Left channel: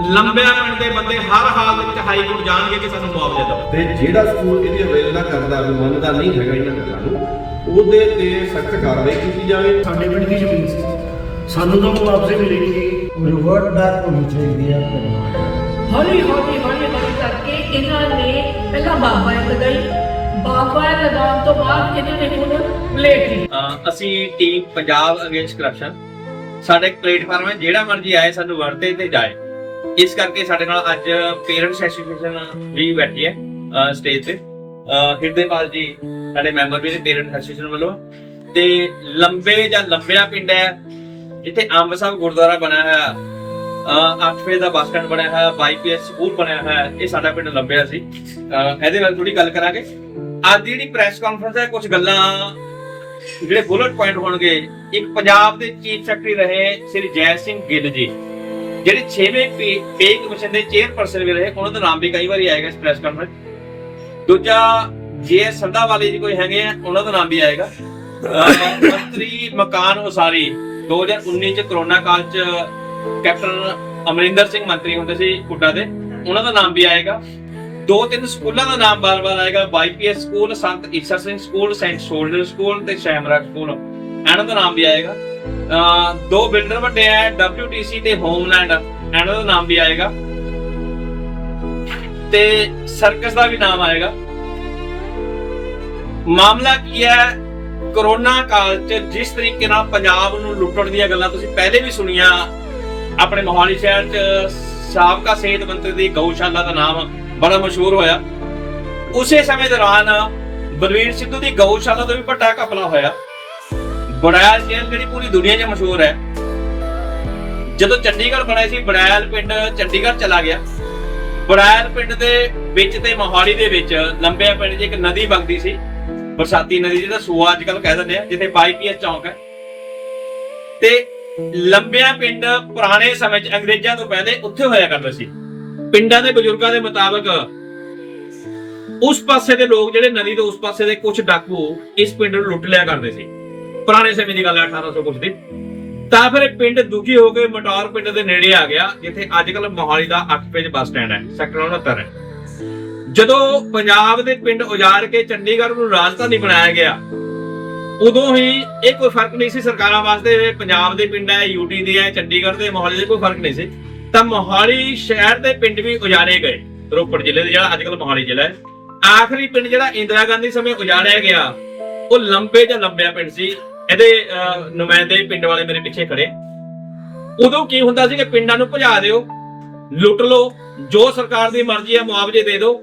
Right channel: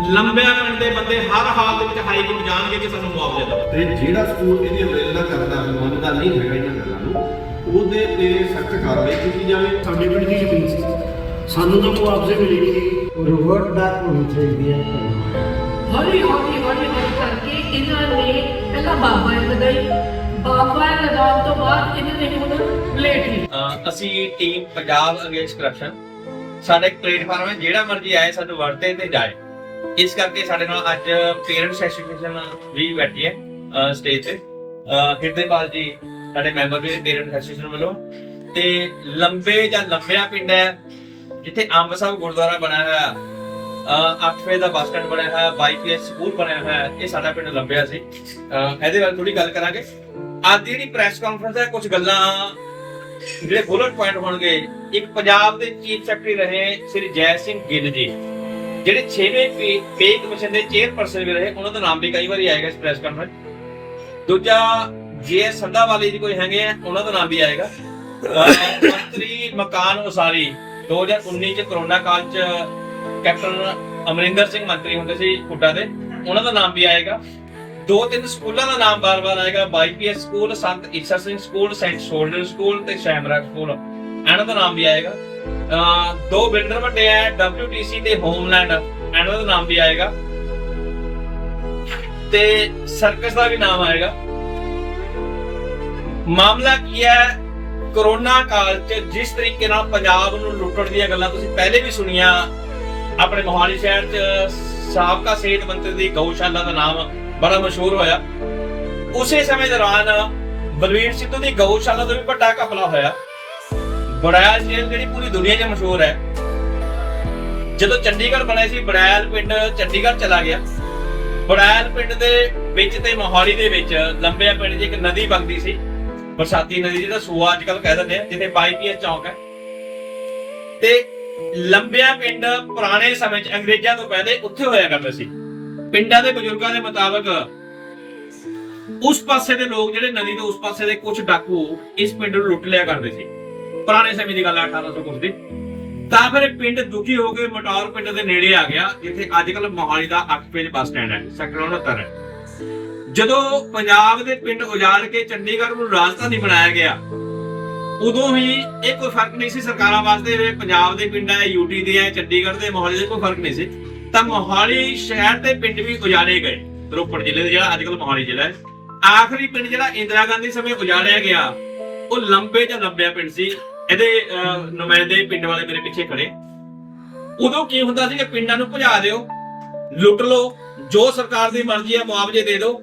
ਲੰਬਿਆ ਪਿੰਡ ਦੇ ਬੰਦੇ ਹਰ ਹਾਲ ਦੇ ਵਿੱਚ ਹਾਈ ਕੋਰਟ ਜਾਣਗੇ ਕਿ ਸਾਨੂੰ ਮੁਆਵਜ਼ਾ ਦਿਓ। ਤੇ ਜਿਹੜਾ ਸਕੂਲ ਇਹਦੀ ਅਵੇਲਨਾ ਕਰਦਾ ਮੰਨਦਾ ਨਹੀਂ ਹੈਗਾ ਇਹਨਾਂ ਗੱਲਾਂ ਨੂੰ ਉਹਦੇ ਤੇ ਸਖਤ ਕਾਰਵਾਈ ਕੀਤੀ ਜਾਵੇ। ਸਾਡੇ ਪਿੰਡ ਦੀ ਜ਼ਮੀਨ ਸੀ। ਸਾਨੂੰ ਤਾਂ ਮੁਆਵਜ਼ੇ ਮਿਲੇਗੀ। ਰਿਵਰਟ ਬੈਕ ਹੋਣੀ ਚਾਹੀਦੀ ਹੈ ਪਰ ਹੌਲੀ ਹੌਲੀ ਹੌਲੀ ਹੌਲੀ ਕਰਕੇ ਇਹਨਾਂ ਨੇ ਪਹਿਲਾਂ ਬਾਬਾ ਲਗਾਈ। ਬਾਬਾ ਲਗਾਉਣ ਤੋਂ ਬਾਅਦ ਇਹਨਾਂ ਨੇ ਹੁਣ ਅਹ ਅਸੀਂ ਟੀਮ ਪੰਜਾਬ ਅਗੇਂਸਟ ਕਰਪਸ਼ਨ ਸਾਡਾ ਇੱਕ ਪਲੇਟਫਾਰਮ ਹੈ ਜਿਹੜਾ ਮਰਜ਼ੀ ਆਏ ਸਾਨੂੰ ਵਰਤੇ ਤੇ ਜਾਏ। ਇਸ ਕਰਕੇ ਸਾਡੇ ਨਾਲ ਅੱਜ ਪੇਰੈਂਟਸ ਐਸੋਸੀਏਸ਼ਨ ਵੀ ਬੈਠੀ ਹੈ ਸਟੇਜ ਤੇ। ਹਿਰਦੇਪਾਲ ਜੀ ਸਾਡੇ ਮੈਂਬਰ ਵੀ ਨੇ ਪੇਰੈਂਟਸ ਐਸੋਸੀਏਸ਼ਨ ਵੱਲੋਂ। ਤੇ ਲੰਬੇ ਜਾਂ ਲੰਬਿਆ ਪਿੰਡ ਹੈ, ਜਿੱਥੇ ਅੰਬ ਸਾਹਿਬ ਗੁਰਦੁਆਰਾ ਬਣਿਆ ਹੋਇਆ ਅੱਠਵੇਂ ਦਾ ਬੱਸ ਬਣਿਆ ਹੋਇਆ ਬਾਈਪੀਐਸ ਸਕੂਲ ਬਣਿਆ ਹੋਇਆ, ਇਹ ਸਾਡਾ ਪਿੰਡ ਲੰਬਿਆ ਸੀ। ਇਹਦੇ ਬਾਰੇ ਥੋੜੀ ਗੱਲ ਕਰਾਂਗੇ। ਅੱਜ ਦੀ ਜਿਹੜੀ ਪ੍ਰੈਸ ਕਾਨਫਰੰਸ ਹੈ, ਕੁਝ ਗੱਲਾਂ ਜਿਹੜੇ ਬੁਲਟ ਪੁਆਇੰਟ ਹੋਣਗੇ, ਇੱਕ ਪੰਜਾਬ ਦੇ ਚੀਫ ਸੈਕਟਰੀ ਰਹੇ, ਸ੍ਰੀ ਜੈ ਸਿੰਘ ਗਿੱਲ ਜੀ। ਜਿਹੜੇ 6ਵੇਂ ਪੇ ਕਮਿਸ਼ਨ ਦੇ ਚੇਅਰਪਰਸਨ ਵੀ ਰਹੇ, ਉਹਨਾਂ ਦਾ ਨਾਮ ਵੀ ਕਈ ਵਾਰੀ ਆਏਗਾ ਇਸ ਪ੍ਰੈਸ ਕਾਨਫਰੰਸ ਦੂਜਾ, ਜੇ ਸੰਧਾ ਵਾਲੇ ਜੀ ਕੋਈ ਹੈਗੇ ਆ, ਉਹਨਾਂ ਦਾ ਨਾਮ ਵੀ ਆਏਗਾ। ਮੰਤਰੀ ਮਕਾਨ ਉਸਾਰੀ 2019 ਚ ਕਰੋਨਾ ਕਾਲ ਚ ਕੈਪਟਨ ਅਮਰਿੰਦਰ ਸਿੰਘ ਮੰਤਰੀ ਹੁੰਦੇ ਸੀ ਕੁੱਡਾ ਦੇ, ਉਹਨਾਂ ਦਾ ਨਾਮ ਵੀ ਆਏਗਾ। ਦੋ ਤਿੰਨ ਸਕੂਲਾਂ ਦਾ ਨਾਮ ਬਾਰ-ਬਾਰ ਆਏਗਾ BYPS school, Sant Isher Singh school, saint soldier school ਤੇ ਸ਼ੈਮਰਾ ਸਕੂਲ। ਇਹਨਾਂ ਦਾ ਨਾਮ ਵੀ ਆਏਗਾ। ਦੋ ਬਿਲਡਰ ਵੱਡੇ ਆ WTC ਤੇ ਹੋਮਲੈਂਡ ਇਹਨਾਂ ਦਾ ਨਾਮ ਵੀ ਆਏਗਾ। ਤੇ ਸਰਕਸ ਦਾ ਵੀ ਨਾਮ ਆਏਗਾ। ਮਾਮਲਾ ਕੀ ਹੈ ਕਰੋਨਾ ਕਾਲ ਚ ਜਿਸ ਤਰੀਕੇ ਨਾਲ ਪੰਜਾਬ ਨੂੰ ਲੁੱਟਣ ਦੀਆਂ ਗੱਲਾਂ ਤੁਸੀਂ ਪਹਿਲੇ ਵੀ ਸੁਣੀਆਂ, ਆਪਣੇ ਮੋਹਾਲੀ ਸ਼ਹਿਰ ਚ ਸਾਬਕਾ ਸਿਹਤ ਮੰਤਰੀ ਦੀ ਗਊਸ਼ਾਲਾ ਦਾ ਨਾਮ ਬੜਾ ਮਸ਼ਹੂਰ ਹੋਇਆ। ਉਸੇ ਸਮੇਂ ਦੌਰਾਨ ਬਲਵੀਰ ਸਿੱਧੂ ਦੀ ਗਊਸ਼ਾਲਾ ਤੋਂ ਵੀ ਵੱਡਾ ਘਪਲਾ ਹੋਇਆ। ਬੜੈਲ ਜੇਲ੍ਹ ਜਿਹੜੀ ਪੂਰੀ ਦੁਨੀਆ 'ਚ ਮਸ਼ਹੂਰ ਹੈ। ਜਦੋਂ ਚੰਡੀਗੜ੍ਹ ਬਣਿਆ ਸੀ, ਬੜੈਲ ਪਿੰਡ ਚੰਡੀਗੜ੍ਹ ਚਲਾ ਗਿਆ। ਬੜੈਲ ਪਿੰਡ ਦੇ ਵਿੱਚ ਤੇ ਮੋਹਾਲੀ ਦੇ ਵਿੱਚ ਲੰਬਿਆ ਪਿੰਡ 'ਚ ਇੱਕ ਨਦੀ ਵਗਦੀ ਸੀ। ਬਰਸਾਤੀ ਨਦੀ ਜਿਹਦਾ ਸੂਆ ਅੱਜ ਕੱਲ ਕਹਿ ਦਿੰਦੇ ਆ, ਜਿੱਥੇ ਬਾਈਪੀਐਸ ਚੌਂਕ ਹੈ। ਤੇ ਲੰਬਿਆ ਪਿੰਡ ਪੁਰਾਣੇ ਸਮੇਂ 'ਚ ਅੰਗਰੇਜ਼ਾਂ ਤੋਂ ਪਹਿਲੇ ਉੱਥੇ ਹੋਇਆ ਕਰਦਾ ਸੀ। ਪਿੰਡਾਂ ਦੇ ਬਜ਼ੁਰਗਾਂ ਦੇ ਮੁਤਾਬਕ ਉਸ ਪਾਸੇ ਦੇ ਲੋਕ ਜਿਹੜੇ ਨਦੀ ਤੋਂ ਉਸ ਪਾਸੇ ਦੇ ਕੁਝ ਡਾਕੂ ਇਸ ਪਿੰਡ ਨੂੰ ਲੁੱਟ ਲਿਆ ਕਰਦੇ ਸੀ। ਪੁਰਾਣੇ ਸਮੇਂ ਦੀ ਗੱਲ ਹੈ 1800 ਕੁਝ ਦੀ। ਤਾਂ ਫਿਰ ਪਿੰਡ ਦੁਖੀ ਹੋ ਕੇ ਮਟੌਰ ਪਿੰਡ ਦੇ ਨੇੜੇ ਆ ਗਿਆ, ਜਿੱਥੇ ਅੱਜ ਕੱਲ ਮੋਹਾਲੀ ਦਾ 8 ਪੇਜ ਬੱਸ ਸਟੈਂਡ ਹੈ ਸੈਕਟਰ 69 ਹੈ। ਜਦੋਂ ਪੰਜਾਬ ਦੇ ਪਿੰਡ ਉਜਾੜ ਕੇ ਚੰਡੀਗੜ੍ਹ ਨੂੰ ਰਾਜਧਾਨੀ ਬਣਾਇਆ ਗਿਆ, ਉਦੋਂ ਹੀ ਇਹ ਕੋਈ ਫ਼ਰਕ ਨਹੀਂ ਸੀ ਸਰਕਾਰਾਂ ਵਾਸਤੇ ਪੰਜਾਬ ਦੇ ਪਿੰਡ ਹੈ ਯੂਟੀ ਦੇ ਹੈ, ਚੰਡੀਗੜ੍ਹ ਦੇ, ਮੋਹਾਲੀ ਦੇ ਕੋਈ ਫ਼ਰਕ ਨਹੀਂ ਸੀ। ਤਾਂ ਮੋਹਾਲੀ ਸ਼ਹਿਰ ਦੇ ਪਿੰਡ ਵੀ ਉਜਾੜੇ ਗਏ। ਰੋਪੜ ਜ਼ਿਲ੍ਹੇ ਦੇ ਜਿਹੜਾ ਅੱਜ ਕੱਲ ਮੋਹਾਲੀ ਜ਼ਿਲ੍ਹਾ ਹੈ। ਆਖਰੀ ਪਿੰਡ ਜਿਹੜਾ ਇੰਦਰਾ ਗਾਂਧੀ ਸਮੇਂ ਉਜਾੜਿਆ ਗਿਆ, ਉਹ ਲੰਬੇ ਜਾਂ ਲੰਬਿਆ ਪਿੰਡ ਸੀ। ਇਹਦੇ ਅਹ, ਨੁਮਾਇੰਦੇ ਪਿੰਡ ਵਾਲੇ ਮੇਰੇ ਪਿੱਛੇ ਖੜੇ। ਉਦੋਂ ਕੀ ਹੁੰਦਾ ਸੀ ਕਿ ਪਿੰਡਾਂ ਨੂੰ ਭਜਾ ਦਿਓ ਲੁੱਟ ਲਓ ਜੋ ਸਰਕਾਰ ਦੀ ਮਰਜ਼ੀ ਹੈ ਮੁਆਵਜ਼ੇ ਦੇ ਦਿਓ।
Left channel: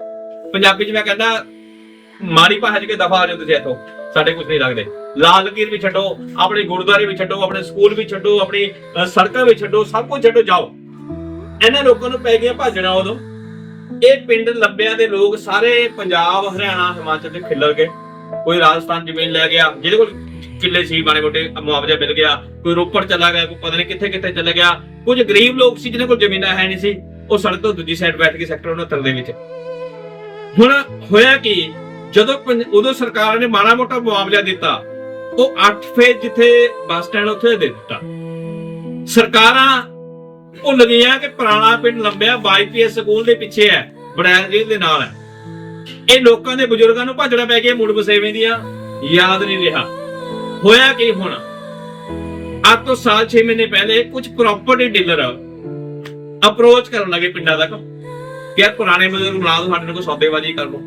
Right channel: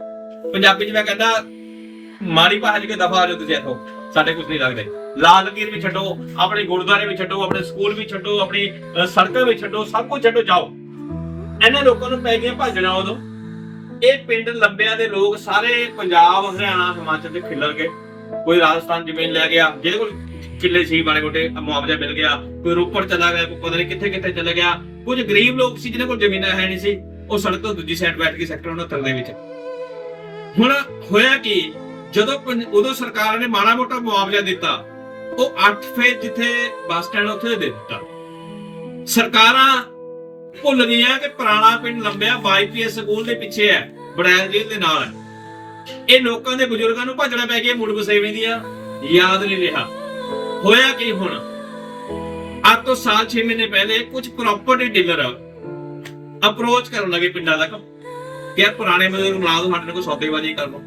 ਪੰਜਾਬੀ 'ਚ ਮੈਂ ਕਹਿੰਦਾ ਮਾੜੀ ਭਾਸ਼ਾ 'ਚ ਦਫਾ ਆ ਜਾਓ ਤੁਸੀਂ ਇੱਥੋਂ ਸਾਡੇ ਕੁਝ ਨਹੀਂ ਲੱਗਦੇ। ਲਾਲ ਲਕੀਰ ਵੀ ਛੱਡੋ ਆਪਣੇ ਗੁਰਦੁਆਰੇ ਵੀ ਛੱਡੋ ਆਪਣੇ ਸਕੂਲ ਵੀ ਛੱਡੋ ਆਪਣੀ ਸੜਕਾਂ ਵੀ ਛੱਡੋ ਸਭ ਕੁਝ ਛੱਡੋ ਜਾਓ। ਇਹਨਾਂ ਲੋਕਾਂ ਨੂੰ ਪੈ ਗਿਆ ਭਾਜਣਾ ਉਦੋਂ। ਇਹ ਪਿੰਡ ਲੰਬਿਆਂ ਦੇ ਲੋਕ ਸਾਰੇ ਪੰਜਾਬ ਹਰਿਆਣਾ ਹਿਮਾਚਲ ਦੇ ਖਿੱਲਰ ਗਏ। ਕੋਈ ਰਾਜਸਥਾਨ ਜ਼ਮੀਨ ਲੈ ਗਿਆ, ਜਿਹਦੇ ਕੋਲ ਕਿੱਲੇ ਸੀ ਬਾਣੇ ਮੋਟੇ, ਮੁਆਵਜ਼ਾ ਮਿਲ ਗਿਆ, ਕੋਈ ਰੋਪੜ ਚਲਾ ਗਿਆ, ਕੋਈ ਪਤਾ ਨਹੀਂ ਕਿੱਥੇ ਕਿੱਥੇ ਚਲਾ ਗਿਆ, ਕੁਝ ਗਰੀਬ ਲੋਕ ਸੀ ਜਿਹਨਾਂ ਕੋਲ ਜ਼ਮੀਨਾਂ ਹੈ ਨਹੀਂ ਸੀ, ਉਹ ਸੜਕ ਤੋਂ ਦੂਜੀ ਸਾਈਡ ਬੈਠ ਕੇ ਸੈਕਟਰ 69 ਦੇ ਵਿੱਚ। ਹੁਣ ਹੋਇਆ ਕੀ, ਜਦੋਂ ਉਦੋਂ ਸਰਕਾਰ ਨੇ ਮਾੜਾ ਮੋਟਾ ਮੁਆਵਜ਼ਾ ਦਿੱਤਾ, ਉਹ 8 ਫੇਜ਼ ਜਿੱਥੇ ਬੱਸ ਸਟੈਂਡ ਉੱਥੇ ਦੇ ਦਿੱਤਾ। ਸਰਕਾਰਾਂ ਭੁੱਲ ਗਈਆਂ ਕਿ ਪੁਰਾਣਾ ਪਿੰਡ ਲੰਬਿਆ ਬਾਈਪੀਐਸ ਸਕੂਲ ਦੇ ਪਿੱਛੇ ਹੈ, ਬੜੈਲ ਜੇਲ੍ਹ ਦੇ ਨਾਲ ਹੈ। ਇਹ ਲੋਕਾਂ ਦੇ ਬਜ਼ੁਰਗਾਂ ਨੂੰ ਭੱਜਣਾ ਪੈ ਗਿਆ ਮੁੜ ਵਸੇਵੇਂ ਦੀਆਂ ਯਾਦ ਨਹੀਂ ਰਿਹਾ। ਹੋਇਆ ਕੀ ਹੁਣ? ਅੱਜ ਤੋਂ ਸਾਲ 6 ਮਹੀਨੇ ਪਹਿਲੇ ਕੁਝ ਪ੍ਰਾਪਰਟੀ ਡੀਲਰ ਅਪਰੋਚ ਕਰਨ ਲੱਗੇ ਪਿੰਡਾਂ ਤੱਕ ਕਿ ਯਾਰ ਪੁਰਾਣੇ ਬਜ਼ੁਰਗ ਬਣਾ ਦਿਓ ਸਾਡੇ ਨਾਲ ਕੋਈ ਸੌਦੇਬਾਜ਼ੀ ਕਰ ਲਓ।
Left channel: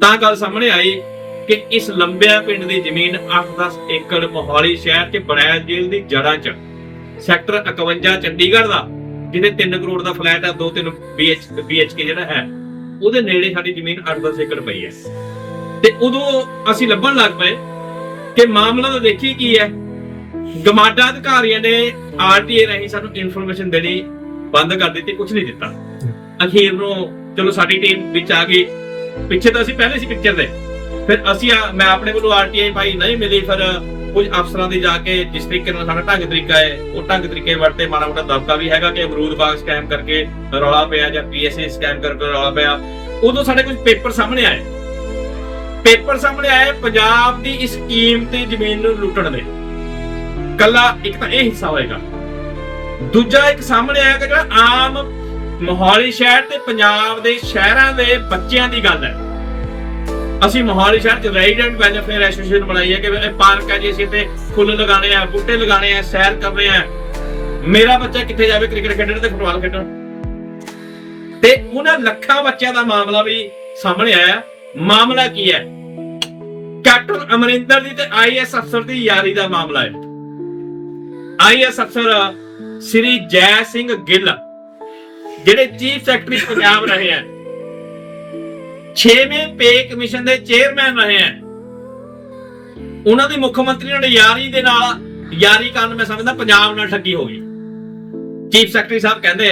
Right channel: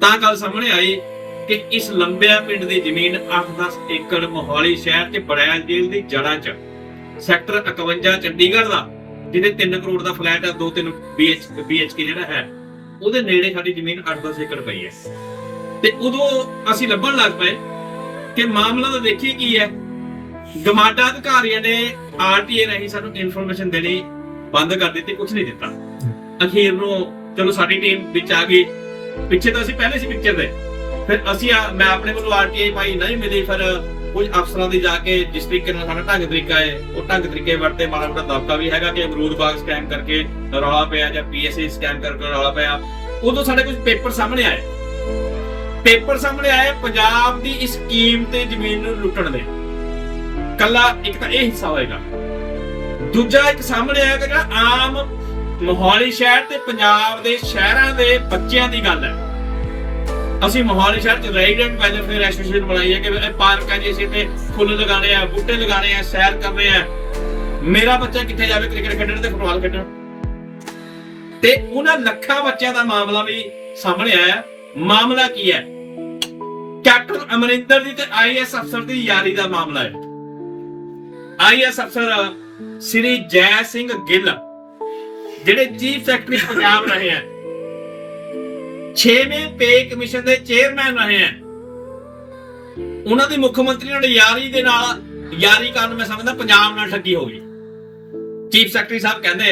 ਤਾਂ ਗੱਲ ਸਾਹਮਣੇ ਆਈ ਕਿ ਇਸ ਲੰਬਿਆਂ ਪਿੰਡ ਦੀ ਜ਼ਮੀਨ 8-10 ਏਕੜ ਮੋਹਾਲੀ ਸ਼ਹਿਰ 'ਚ ਬੜੈਲ ਜੇਲ੍ਹ ਦੀ ਜੜ੍ਹਾਂ 'ਚ। ਸੈਕਟਰ 51 ਚੰਡੀਗੜ੍ਹ ਦਾ, ਜਿਹਦੇ 3 ਕਰੋੜ ਦਾ ਫਲੈਟ ਆ 2-3 BH BHK ਜਿਹੜਾ ਹੈ। ਉਹਦੇ ਨੇੜੇ ਸਾਡੀ ਜ਼ਮੀਨ 8-10 ਏਕੜ ਪਈ ਹੈ। ਤੇ ਉਦੋਂ ਅਸੀਂ ਲੱਭਣ ਲੱਗ ਪਏ ਕਿ ਮਾਮਲਾ ਤਾਂ ਦੇਖੀ ਕੀ ਹੈ। ਗਮਾਡਾ ਅਧਿਕਾਰੀਆਂ ਨੇ ਆਰਟੀਏ ਰਾਹੀਂ ਸਾਨੂੰ ਇਨਫੋਰਮੇਸ਼ਨ ਦੇਣੀ ਬੰਦ ਕਰ ਦਿੱਤੀ ਕੁਝ ਨਹੀਂ ਦਿੱਤਾ। ਅਖੀਰ ਨੂੰ ਚਲੋ ਸਾਡੀ ਟੀਮ ਵਿੱਚ ਆ ਗਈ। ਪਿੱਛੇ ਤਾਂ ਅਸੀਂ ਪਹਿਲੇ ਸੀ ਪਿਕਚਰ ਦੇ ਫਿਰ ਅਸੀਂ ਮੈਂ ਆਪਣੇ ਵੱਲੋਂ ਆਰਟੀਆਈ ਪਾਈ ਨਹੀਂ ਮਿਲੀ, ਫਿਰ ਕੁਝ ਅਫਸਰਾਂ ਦੀ ਜਾ ਕੇ ਜਿਸ ਤਰੀਕੇ ਨਾਲ ਸਾਡਾ ਢੰਗ ਤਰੀਕਾ ਹੈ, ਉਹ ਢੰਗ ਤਰੀਕੇ ਵਰਤੇ ਮਾੜਾ ਮੋਟਾ ਦਬਕਾ ਵੀ ਹੈਗਾ ਕਿ ਅਮਰੂਦ ਬਾਗ ਸਕੈਮ ਕਰਕੇ ਰੌਲਾ ਪਿਆ ਜਾਂ ਪੀਐਸਏ ਸਕੈਮ ਕਰਕੇ ਰੌਲਾ ਪਿਆ, ਉਦੋਂ ਸਾਡੇ ਕੁਝ ਪੇਪਰ ਸਾਹਮਣੇ ਆਏ। ਪੇਪਰ ਸਾਹਮਣੇ ਆਏ, ਪੰਜਾਬ ਦੀ ਇਸ ਕੀਮਤੀ ਜ਼ਮੀਨ ਨੂੰ ਲੁੱਟਣ ਦੇ। ਕੱਲਾ ਇੱਕ ਤਾਂ ਇਹ ਹਿੱਸਾ ਹੋਏਗਾ। ਦੂਜਾ ਇੱਕ ਸਾਹਮਣੇ ਆਇਆ ਕਿ ਜਿਹੜਾ ਆਮ ਮੋਹਾਲੀ ਸ਼ਹਿਰ ਤੇ ਪੰਜਾਬ ਦੇ ਸ਼ਹਿਰਾਂ ਦੇ ਬੱਚਿਆਂ ਦੀ ਗੱਲ ਹੈ। ਅਸੀਂ ਮੋਹਾਲੀ ਸ਼ਹਿਰ ਚ ਰੈਜ਼ੀਡੈਂਟ ਵੈਲਫੇਅਰ ਐਸੋਸੀਏਸ਼ਨ ਬਣਾਈ ਹੈ ਕਿ ਇਹ ਪਾਰਕ ਹੈ ਜੀ, ਅਸੀਂ ਇੱਥੇ ਫੁੱਲ ਲਗਾਣੇ ਆ, ਬੂਟੇ ਲਗਾਣੇ ਆ, ਸੈਰ ਕਰਨੇ ਆ। ਮੇਰਾ ਬੱਚਾ ਕਿੱਥੇ ਜਾਵੇ, ਕ੍ਰਿਕਟ ਖੇਡਣ ਤੇ ਫੁੱਟਬਾਲ ਖੇਡਣ? ਤੇ ਉਹਨਾਂ ਲੱਖਾਂ ਬੱਚਿਆਂ ਦਾ ਮਾਮਲਾ ਵੀ ਸਾਹਮਣੇ ਆਇਆ। ਮਾਮਲਾ ਕੀ ਹੈ? ਕੈਪਟਨ ਅਮਰਿੰਦਰ ਦੀ ਤੇ ਆਈਐਸ ਅਫਸਰ ਦੀ ਯਾਰੀ ਦਾ ਮਾਮਲਾ ਹੈ। ਆਈਐਸ ਅਫਸਰ ਸ੍ਰੀ ਜੈ ਸਿੰਘ ਗਿੱਲ, ਜਿਹੜੇ ਚੀਫ ਸੈਕਟਰੀ ਪੰਜਾਬ ਰਹੇ ਆ। 6ਵੇਂ ਪੇ ਕਮਿਸ਼ਨ ਦੇ ਚੇਅਰਮੈਨ ਰਹੇ ਆ। ਉਹਨਾਂ ਦੀ ਮੁੱਖ ਮੰਤਰੀ ਨਾਲ ਯਾਰੀ ਦੇ ਨਾਲ, ਯਾਰੀ ਕਾਰਨ ਮੈਂ ਸਮਝਦਾ ਪੰਜਾਬ ਨਾਲ ਠੱਗੀ ਹੋ ਗਈ। ਚੀਫ ਸੈਕਟਰੀ ਸਾਹਿਬ ਕਹਿੰਦੇ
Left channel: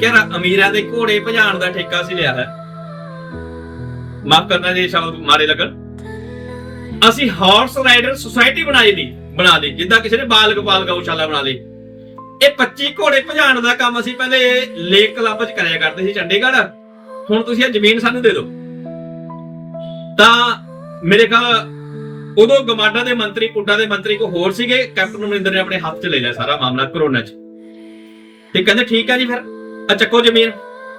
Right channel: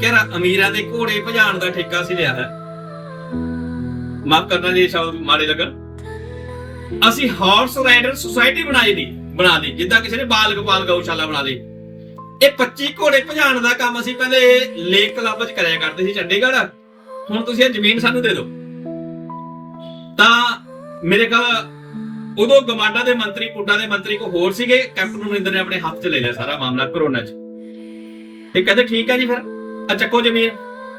ਕਿ ਅਮੀਰਾਂ ਦੇ ਘੋੜੇ ਭਜਾਉਣ ਦਾ ਠੇਕਾ ਸੀ ਲਿਆ ਹੈ ਮਾਫ ਕਰਨਾ ਜੇ ਸ਼ਬਦ ਮਾਰੇ ਲੱਗਣ। ਅਸੀਂ ਹਾਰਸ ਰਾਈਡਰ ਸੁਸਾਇਟੀ ਬਣਾਈ ਲਈ, ਬਣਾ ਲਈ, ਜਿੱਦਾਂ ਕਿਸੇ ਨੇ ਬਾਲ ਗੋਪਾਲ ਗਊਸ਼ਾਲਾ ਬਣਾ ਲਈ। ਇਹ 25 ਘੋੜੇ ਭਜਾਉਣ ਦਾ ਕੰਮ ਅਸੀਂ ਪਹਿਲੇ ਲੇਕ ਕਲੱਬ 'ਚ ਕਰਿਆ ਕਰਦੇ ਸੀ, ਚੰਡੀਗੜ੍ਹ। ਹੁਣ ਤੁਸੀਂ ਇਹ ਜ਼ਮੀਨ ਸਾਨੂੰ ਦੇ ਦਿਓ। ਤਾਂ ਮੇਰੇ ਖਿਆਲ ਉਦੋਂ ਗਮਾਡਾ ਦੇ ਮੰਤਰੀ ਕੁੱਡਾ ਦੇ ਮੰਤਰੀ ਕੋ ਹੋਰ ਸੀਗੇ, ਕੈਪਟਨ ਅਮਰਿੰਦਰ ਨੇ ਆਪਣੇ ਹੱਥ 'ਚ ਲੈ ਲਿਆ ਸਾਰਾ ਮਾਮਲਾ ਕਰੋਨਾ 'ਚ। ਤੇ ਕਹਿੰਦੇ ਠੀਕ ਹੈ ਜੀ ਫਿਰ ਆ ਚੱਕੋ ਜ਼ਮੀਨ,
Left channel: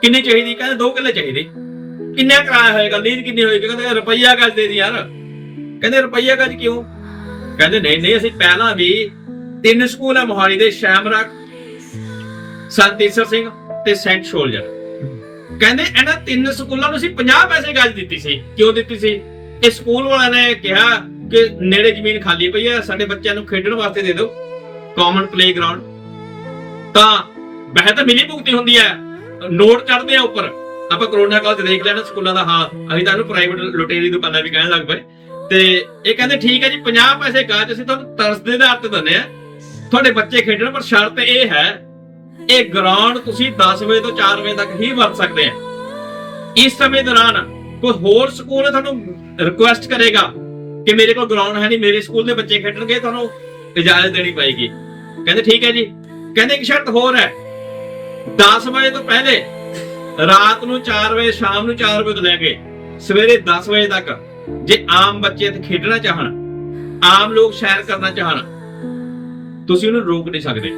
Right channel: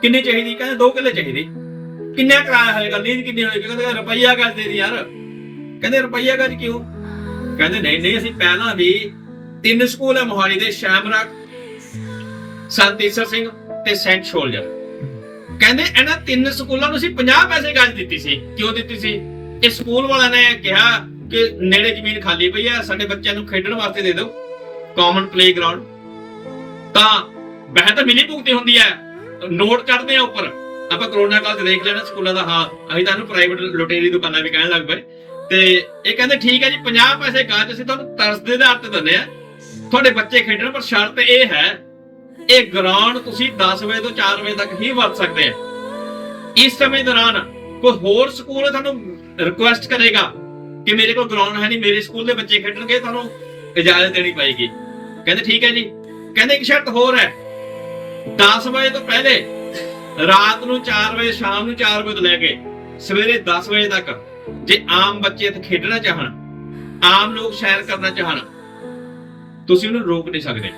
ਕਿੰਨੀ ਚਾਹੀਦੀ? ਕਹਿੰਦੇ 2 ਕਿੱਲੇ ਚਾਹੀਦੀ। ਕਿੰਨਾ ਕਿਰਾਇਆ ਹੋਏਗਾ? ਲੀਜ਼ ਕਿੰਨੀ ਹੋਏਗੀ? ਕਹਿੰਦੇ ਰੁਪਈਆ ਗੱਜ ਦੇ ਦੀ ਯਾਰ। ਕਹਿੰਦੇ ਰੁਪਈਆ ਗੱਜ ਕਿਉਂ? ਕਹਿੰਦੇ ਨਹੀਂ ਨਹੀਂ, ਅਸੀਂ ਪਹਿਲਾਂ ਵੀ ਤਿੰਨ ਸਕੂਲ ਆ ਮੋਹਾਲੀ ਦੇ ਸ਼ੈਮਰਕ ਸੰਤੀਸਰ ਸਿੰਘ ਤੇ ਸੈਂਟ ਸ਼ੋਲਜਰ ਕਹਿੰਦੇ ਇਹਨਾਂ ਤਿੰਨ ਸਕੂਲਾਂ ਨੂੰ ਅਸੀਂ 50 ਪੈਸੇ ਗੱਜ ਦਿੱਤੀ ਸੀ। ਕਿਉਂ ਦਿੱਤੀ ਸੀ? ਇਹ ਸਕੂਲ ਵਾਲਿਆਂ ਨੇ ਕਿਹਾ ਕਿ ਨੇੜੇ ਜ਼ਮੀਨ ਖਾਲੀ ਪਈ ਆ, ਸਾਡੇ ਬੱਚਿਆਂ ਨੂੰ ਖੇਡਣ ਵਾਸਤੇ ਦੇ ਦਿਓ ਕਾਮਨ ਪਲੇਗਰਾਉਂਡ ਤਾਂ ਵੈਸੇ ਤਾਂ ਮਿਲੀ ਭੁਗਤੀ ਹੁੰਦੀ ਹੈ ਨੋਟ ਚੜਦੇ ਆ ਉੱਪਰ। ਆਪਾਂ ਕਰੋਨਾ ਕਾਲ ਚ ਦੇਖ ਲੈਣਾ ਸਕੂਲਾਂ ਦਾ ਹਾਲ। ਅਸੀਂ ਤੁਹਾਨੂੰ ਪ੍ਰਾਈਵੇਟ ਲੁਟੇਰੀ ਦੁਕਾਨਾਂ ਵੀ ਕਹਿਣ ਲੱਗ ਪਏ। ਤੇ ਇਹ ਕਹਿੰਦੇ ਠੀਕ ਹੈ ਜੀ 50 ਪੈਸੇ ਗਾਜ ਅਸੀਂ ਤੁਹਾਨੂੰ ਤਰਸ ਦੇ ਆਧਾਰ ਤੇ ਦਿੰਦੇ ਆ। ਤੁਹਾਡੇ ਬੱਚੇ ਖੇਡਣ, ਪਰ ਸ਼ਰਤ ਇਹ ਹੈ ਇਹ ਗਰਾਊਂਡ ਤੁਸੀਂ 10 ਵਜੇ ਤੋਂ 4 ਵਜੇ ਤੱਕ ਹੀ ਵਰਤ ਸਕਦੇ ਆ। ਇਸ ਸਮੇਂ ਦੌਰਾਨ ਕੋਈ ਹੋਰ ਸਕੂਲ ਤੁਹਾਨੂੰ ਰਿਕੁਐਸਟ ਕਰੇਗਾ ਕਿ ਮੇਰੇ ਕੋਲ ਗਰਾਊਂਡ ਹੈ ਨਹੀਂ, ਮੇਰੇ ਸਕੂਲ ਦੇ ਬੱਚੇ ਖੇਡਣਗੇ, ਤੁਹਾਨੂੰ ਇਜਾਜ਼ਤ ਦੇਣੀ ਪਏਗੀ। ਕਹਿੰਦੇ ਠੀਕ ਹੈ ਜੀ। ਕਹਿੰਦੇ ਇੱਕ ਸ਼ਰਤ ਹੋਰ ਹੈ। 10 ਵਜੇ ਤੋਂ ਪਹਿਲੇ ਰਾਤ ਨੂੰ 4 ਵਜੇ, ਸ਼ਾਮ ਨੂੰ 4 ਵਜੇ ਤੋਂ ਲੈ ਕੇ ਸਵੇਰੇ 10 ਵਜੇ ਤੱਕ ਜੇ ਆਮ ਬੱਚੇ ਇੱਥੇ ਖੇਡਣਾ ਚਾਹਣ, ਆਮ ਲੋਕ ਸੈਰ ਕਰਨਾ ਚਾਹਣ, ਤੁਸੀਂ ਉਹਨੂੰ ਰੋਕ ਨਹੀਂ ਸਕਦੇ।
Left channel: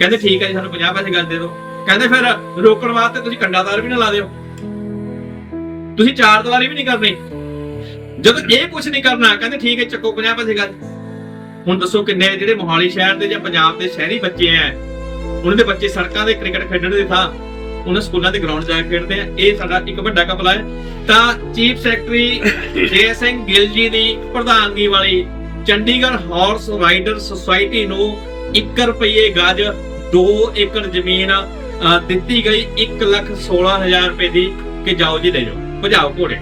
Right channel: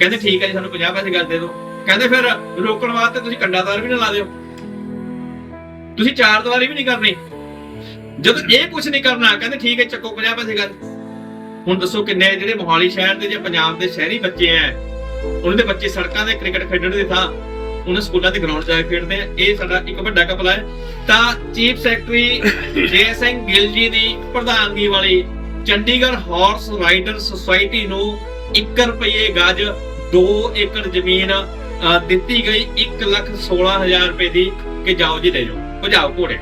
ਕਹਿੰਦੇ ਠੀਕ ਹੈ ਜੀ, ਸਾਨੂੰ 50 ਪੈਸੇ ਗੱਲ ਦੇ ਦਿਓ। ਕਹਿੰਦੇ ਫਿਰ ਰੋਕਣ ਵਾਸਤੇ ਤੁਸੀਂ ਕੰਡਾਦਾਰ ਵੀ ਨਾ ਲਾ ਦਿਓ। ਤੁਸੀਂ ਚਾਰ ਦੀਵਾਰੀ ਵੀ ਨਹੀਂ ਕਰਨੀ। ਜਦੋਂ ਇਹ ਕੁਝ ਨਹੀਂ ਕਰਨਾ, ਕਹਿੰਦੇ ਠੀਕ ਹੈ ਚੱਕੋ 50 ਪੈਸੇ ਗੱਲ। ਹੁਣ ਦੱਸੋ ਕਿੰਨੇ ਜਿਹੜੇ ਮੋਹਾਲੀ ਸ਼ਹਿਰ ਦੇ ਜਾਂ ਪੰਜਾਬ ਦੇ ਸ਼ਹਿਰੀ ਬੱਚੇ ਆ। ਉਹਨਾਂ ਦੇ ਬੱਚੇ ਸੜਕਾਂ ਦੇ ਕ੍ਰਿਕਟ ਖੇਡਣ ਦੇ ਥਾਂ। ਉਹਨਾਂ ਸਕੂਲਾਂ ਦੇ ਗਰਾਊਂਡ ਜਾ ਕੇ ਖੇਡਦੇ ਆ। ਇਹ ਸਾਡਾ ਇੱਕ ਵੱਡਾ ਕਪਲਾ ਹੈ ਤਾਂ ਚੀਫ ਸੈਕਟਰੀ ਜੇ ਸਿੰਘ ਗਿੱਲ ਜੀ ਦੀ ਪ੍ਰਧਾਨਗੀ ਵਾਲੀ ਚੰਡੀਗੜ੍ਹ ਹਾਰਸ ਰਾਈਡਰ ਸੁਸਾਇਟੀ ਨੂੰ 1 ਰੁਪਏ ਗਜ 2 ਏਕੜ ਜ਼ਮੀਨ ਦਿੱਤੀ ਗਈ 116000 ਰੁਪਏ ਦੀ, ਕਿ ਜਾਓ ਜੀ ਲੈ ਜਾਓ, ਭਜਾਓ ਘੋੜੇ।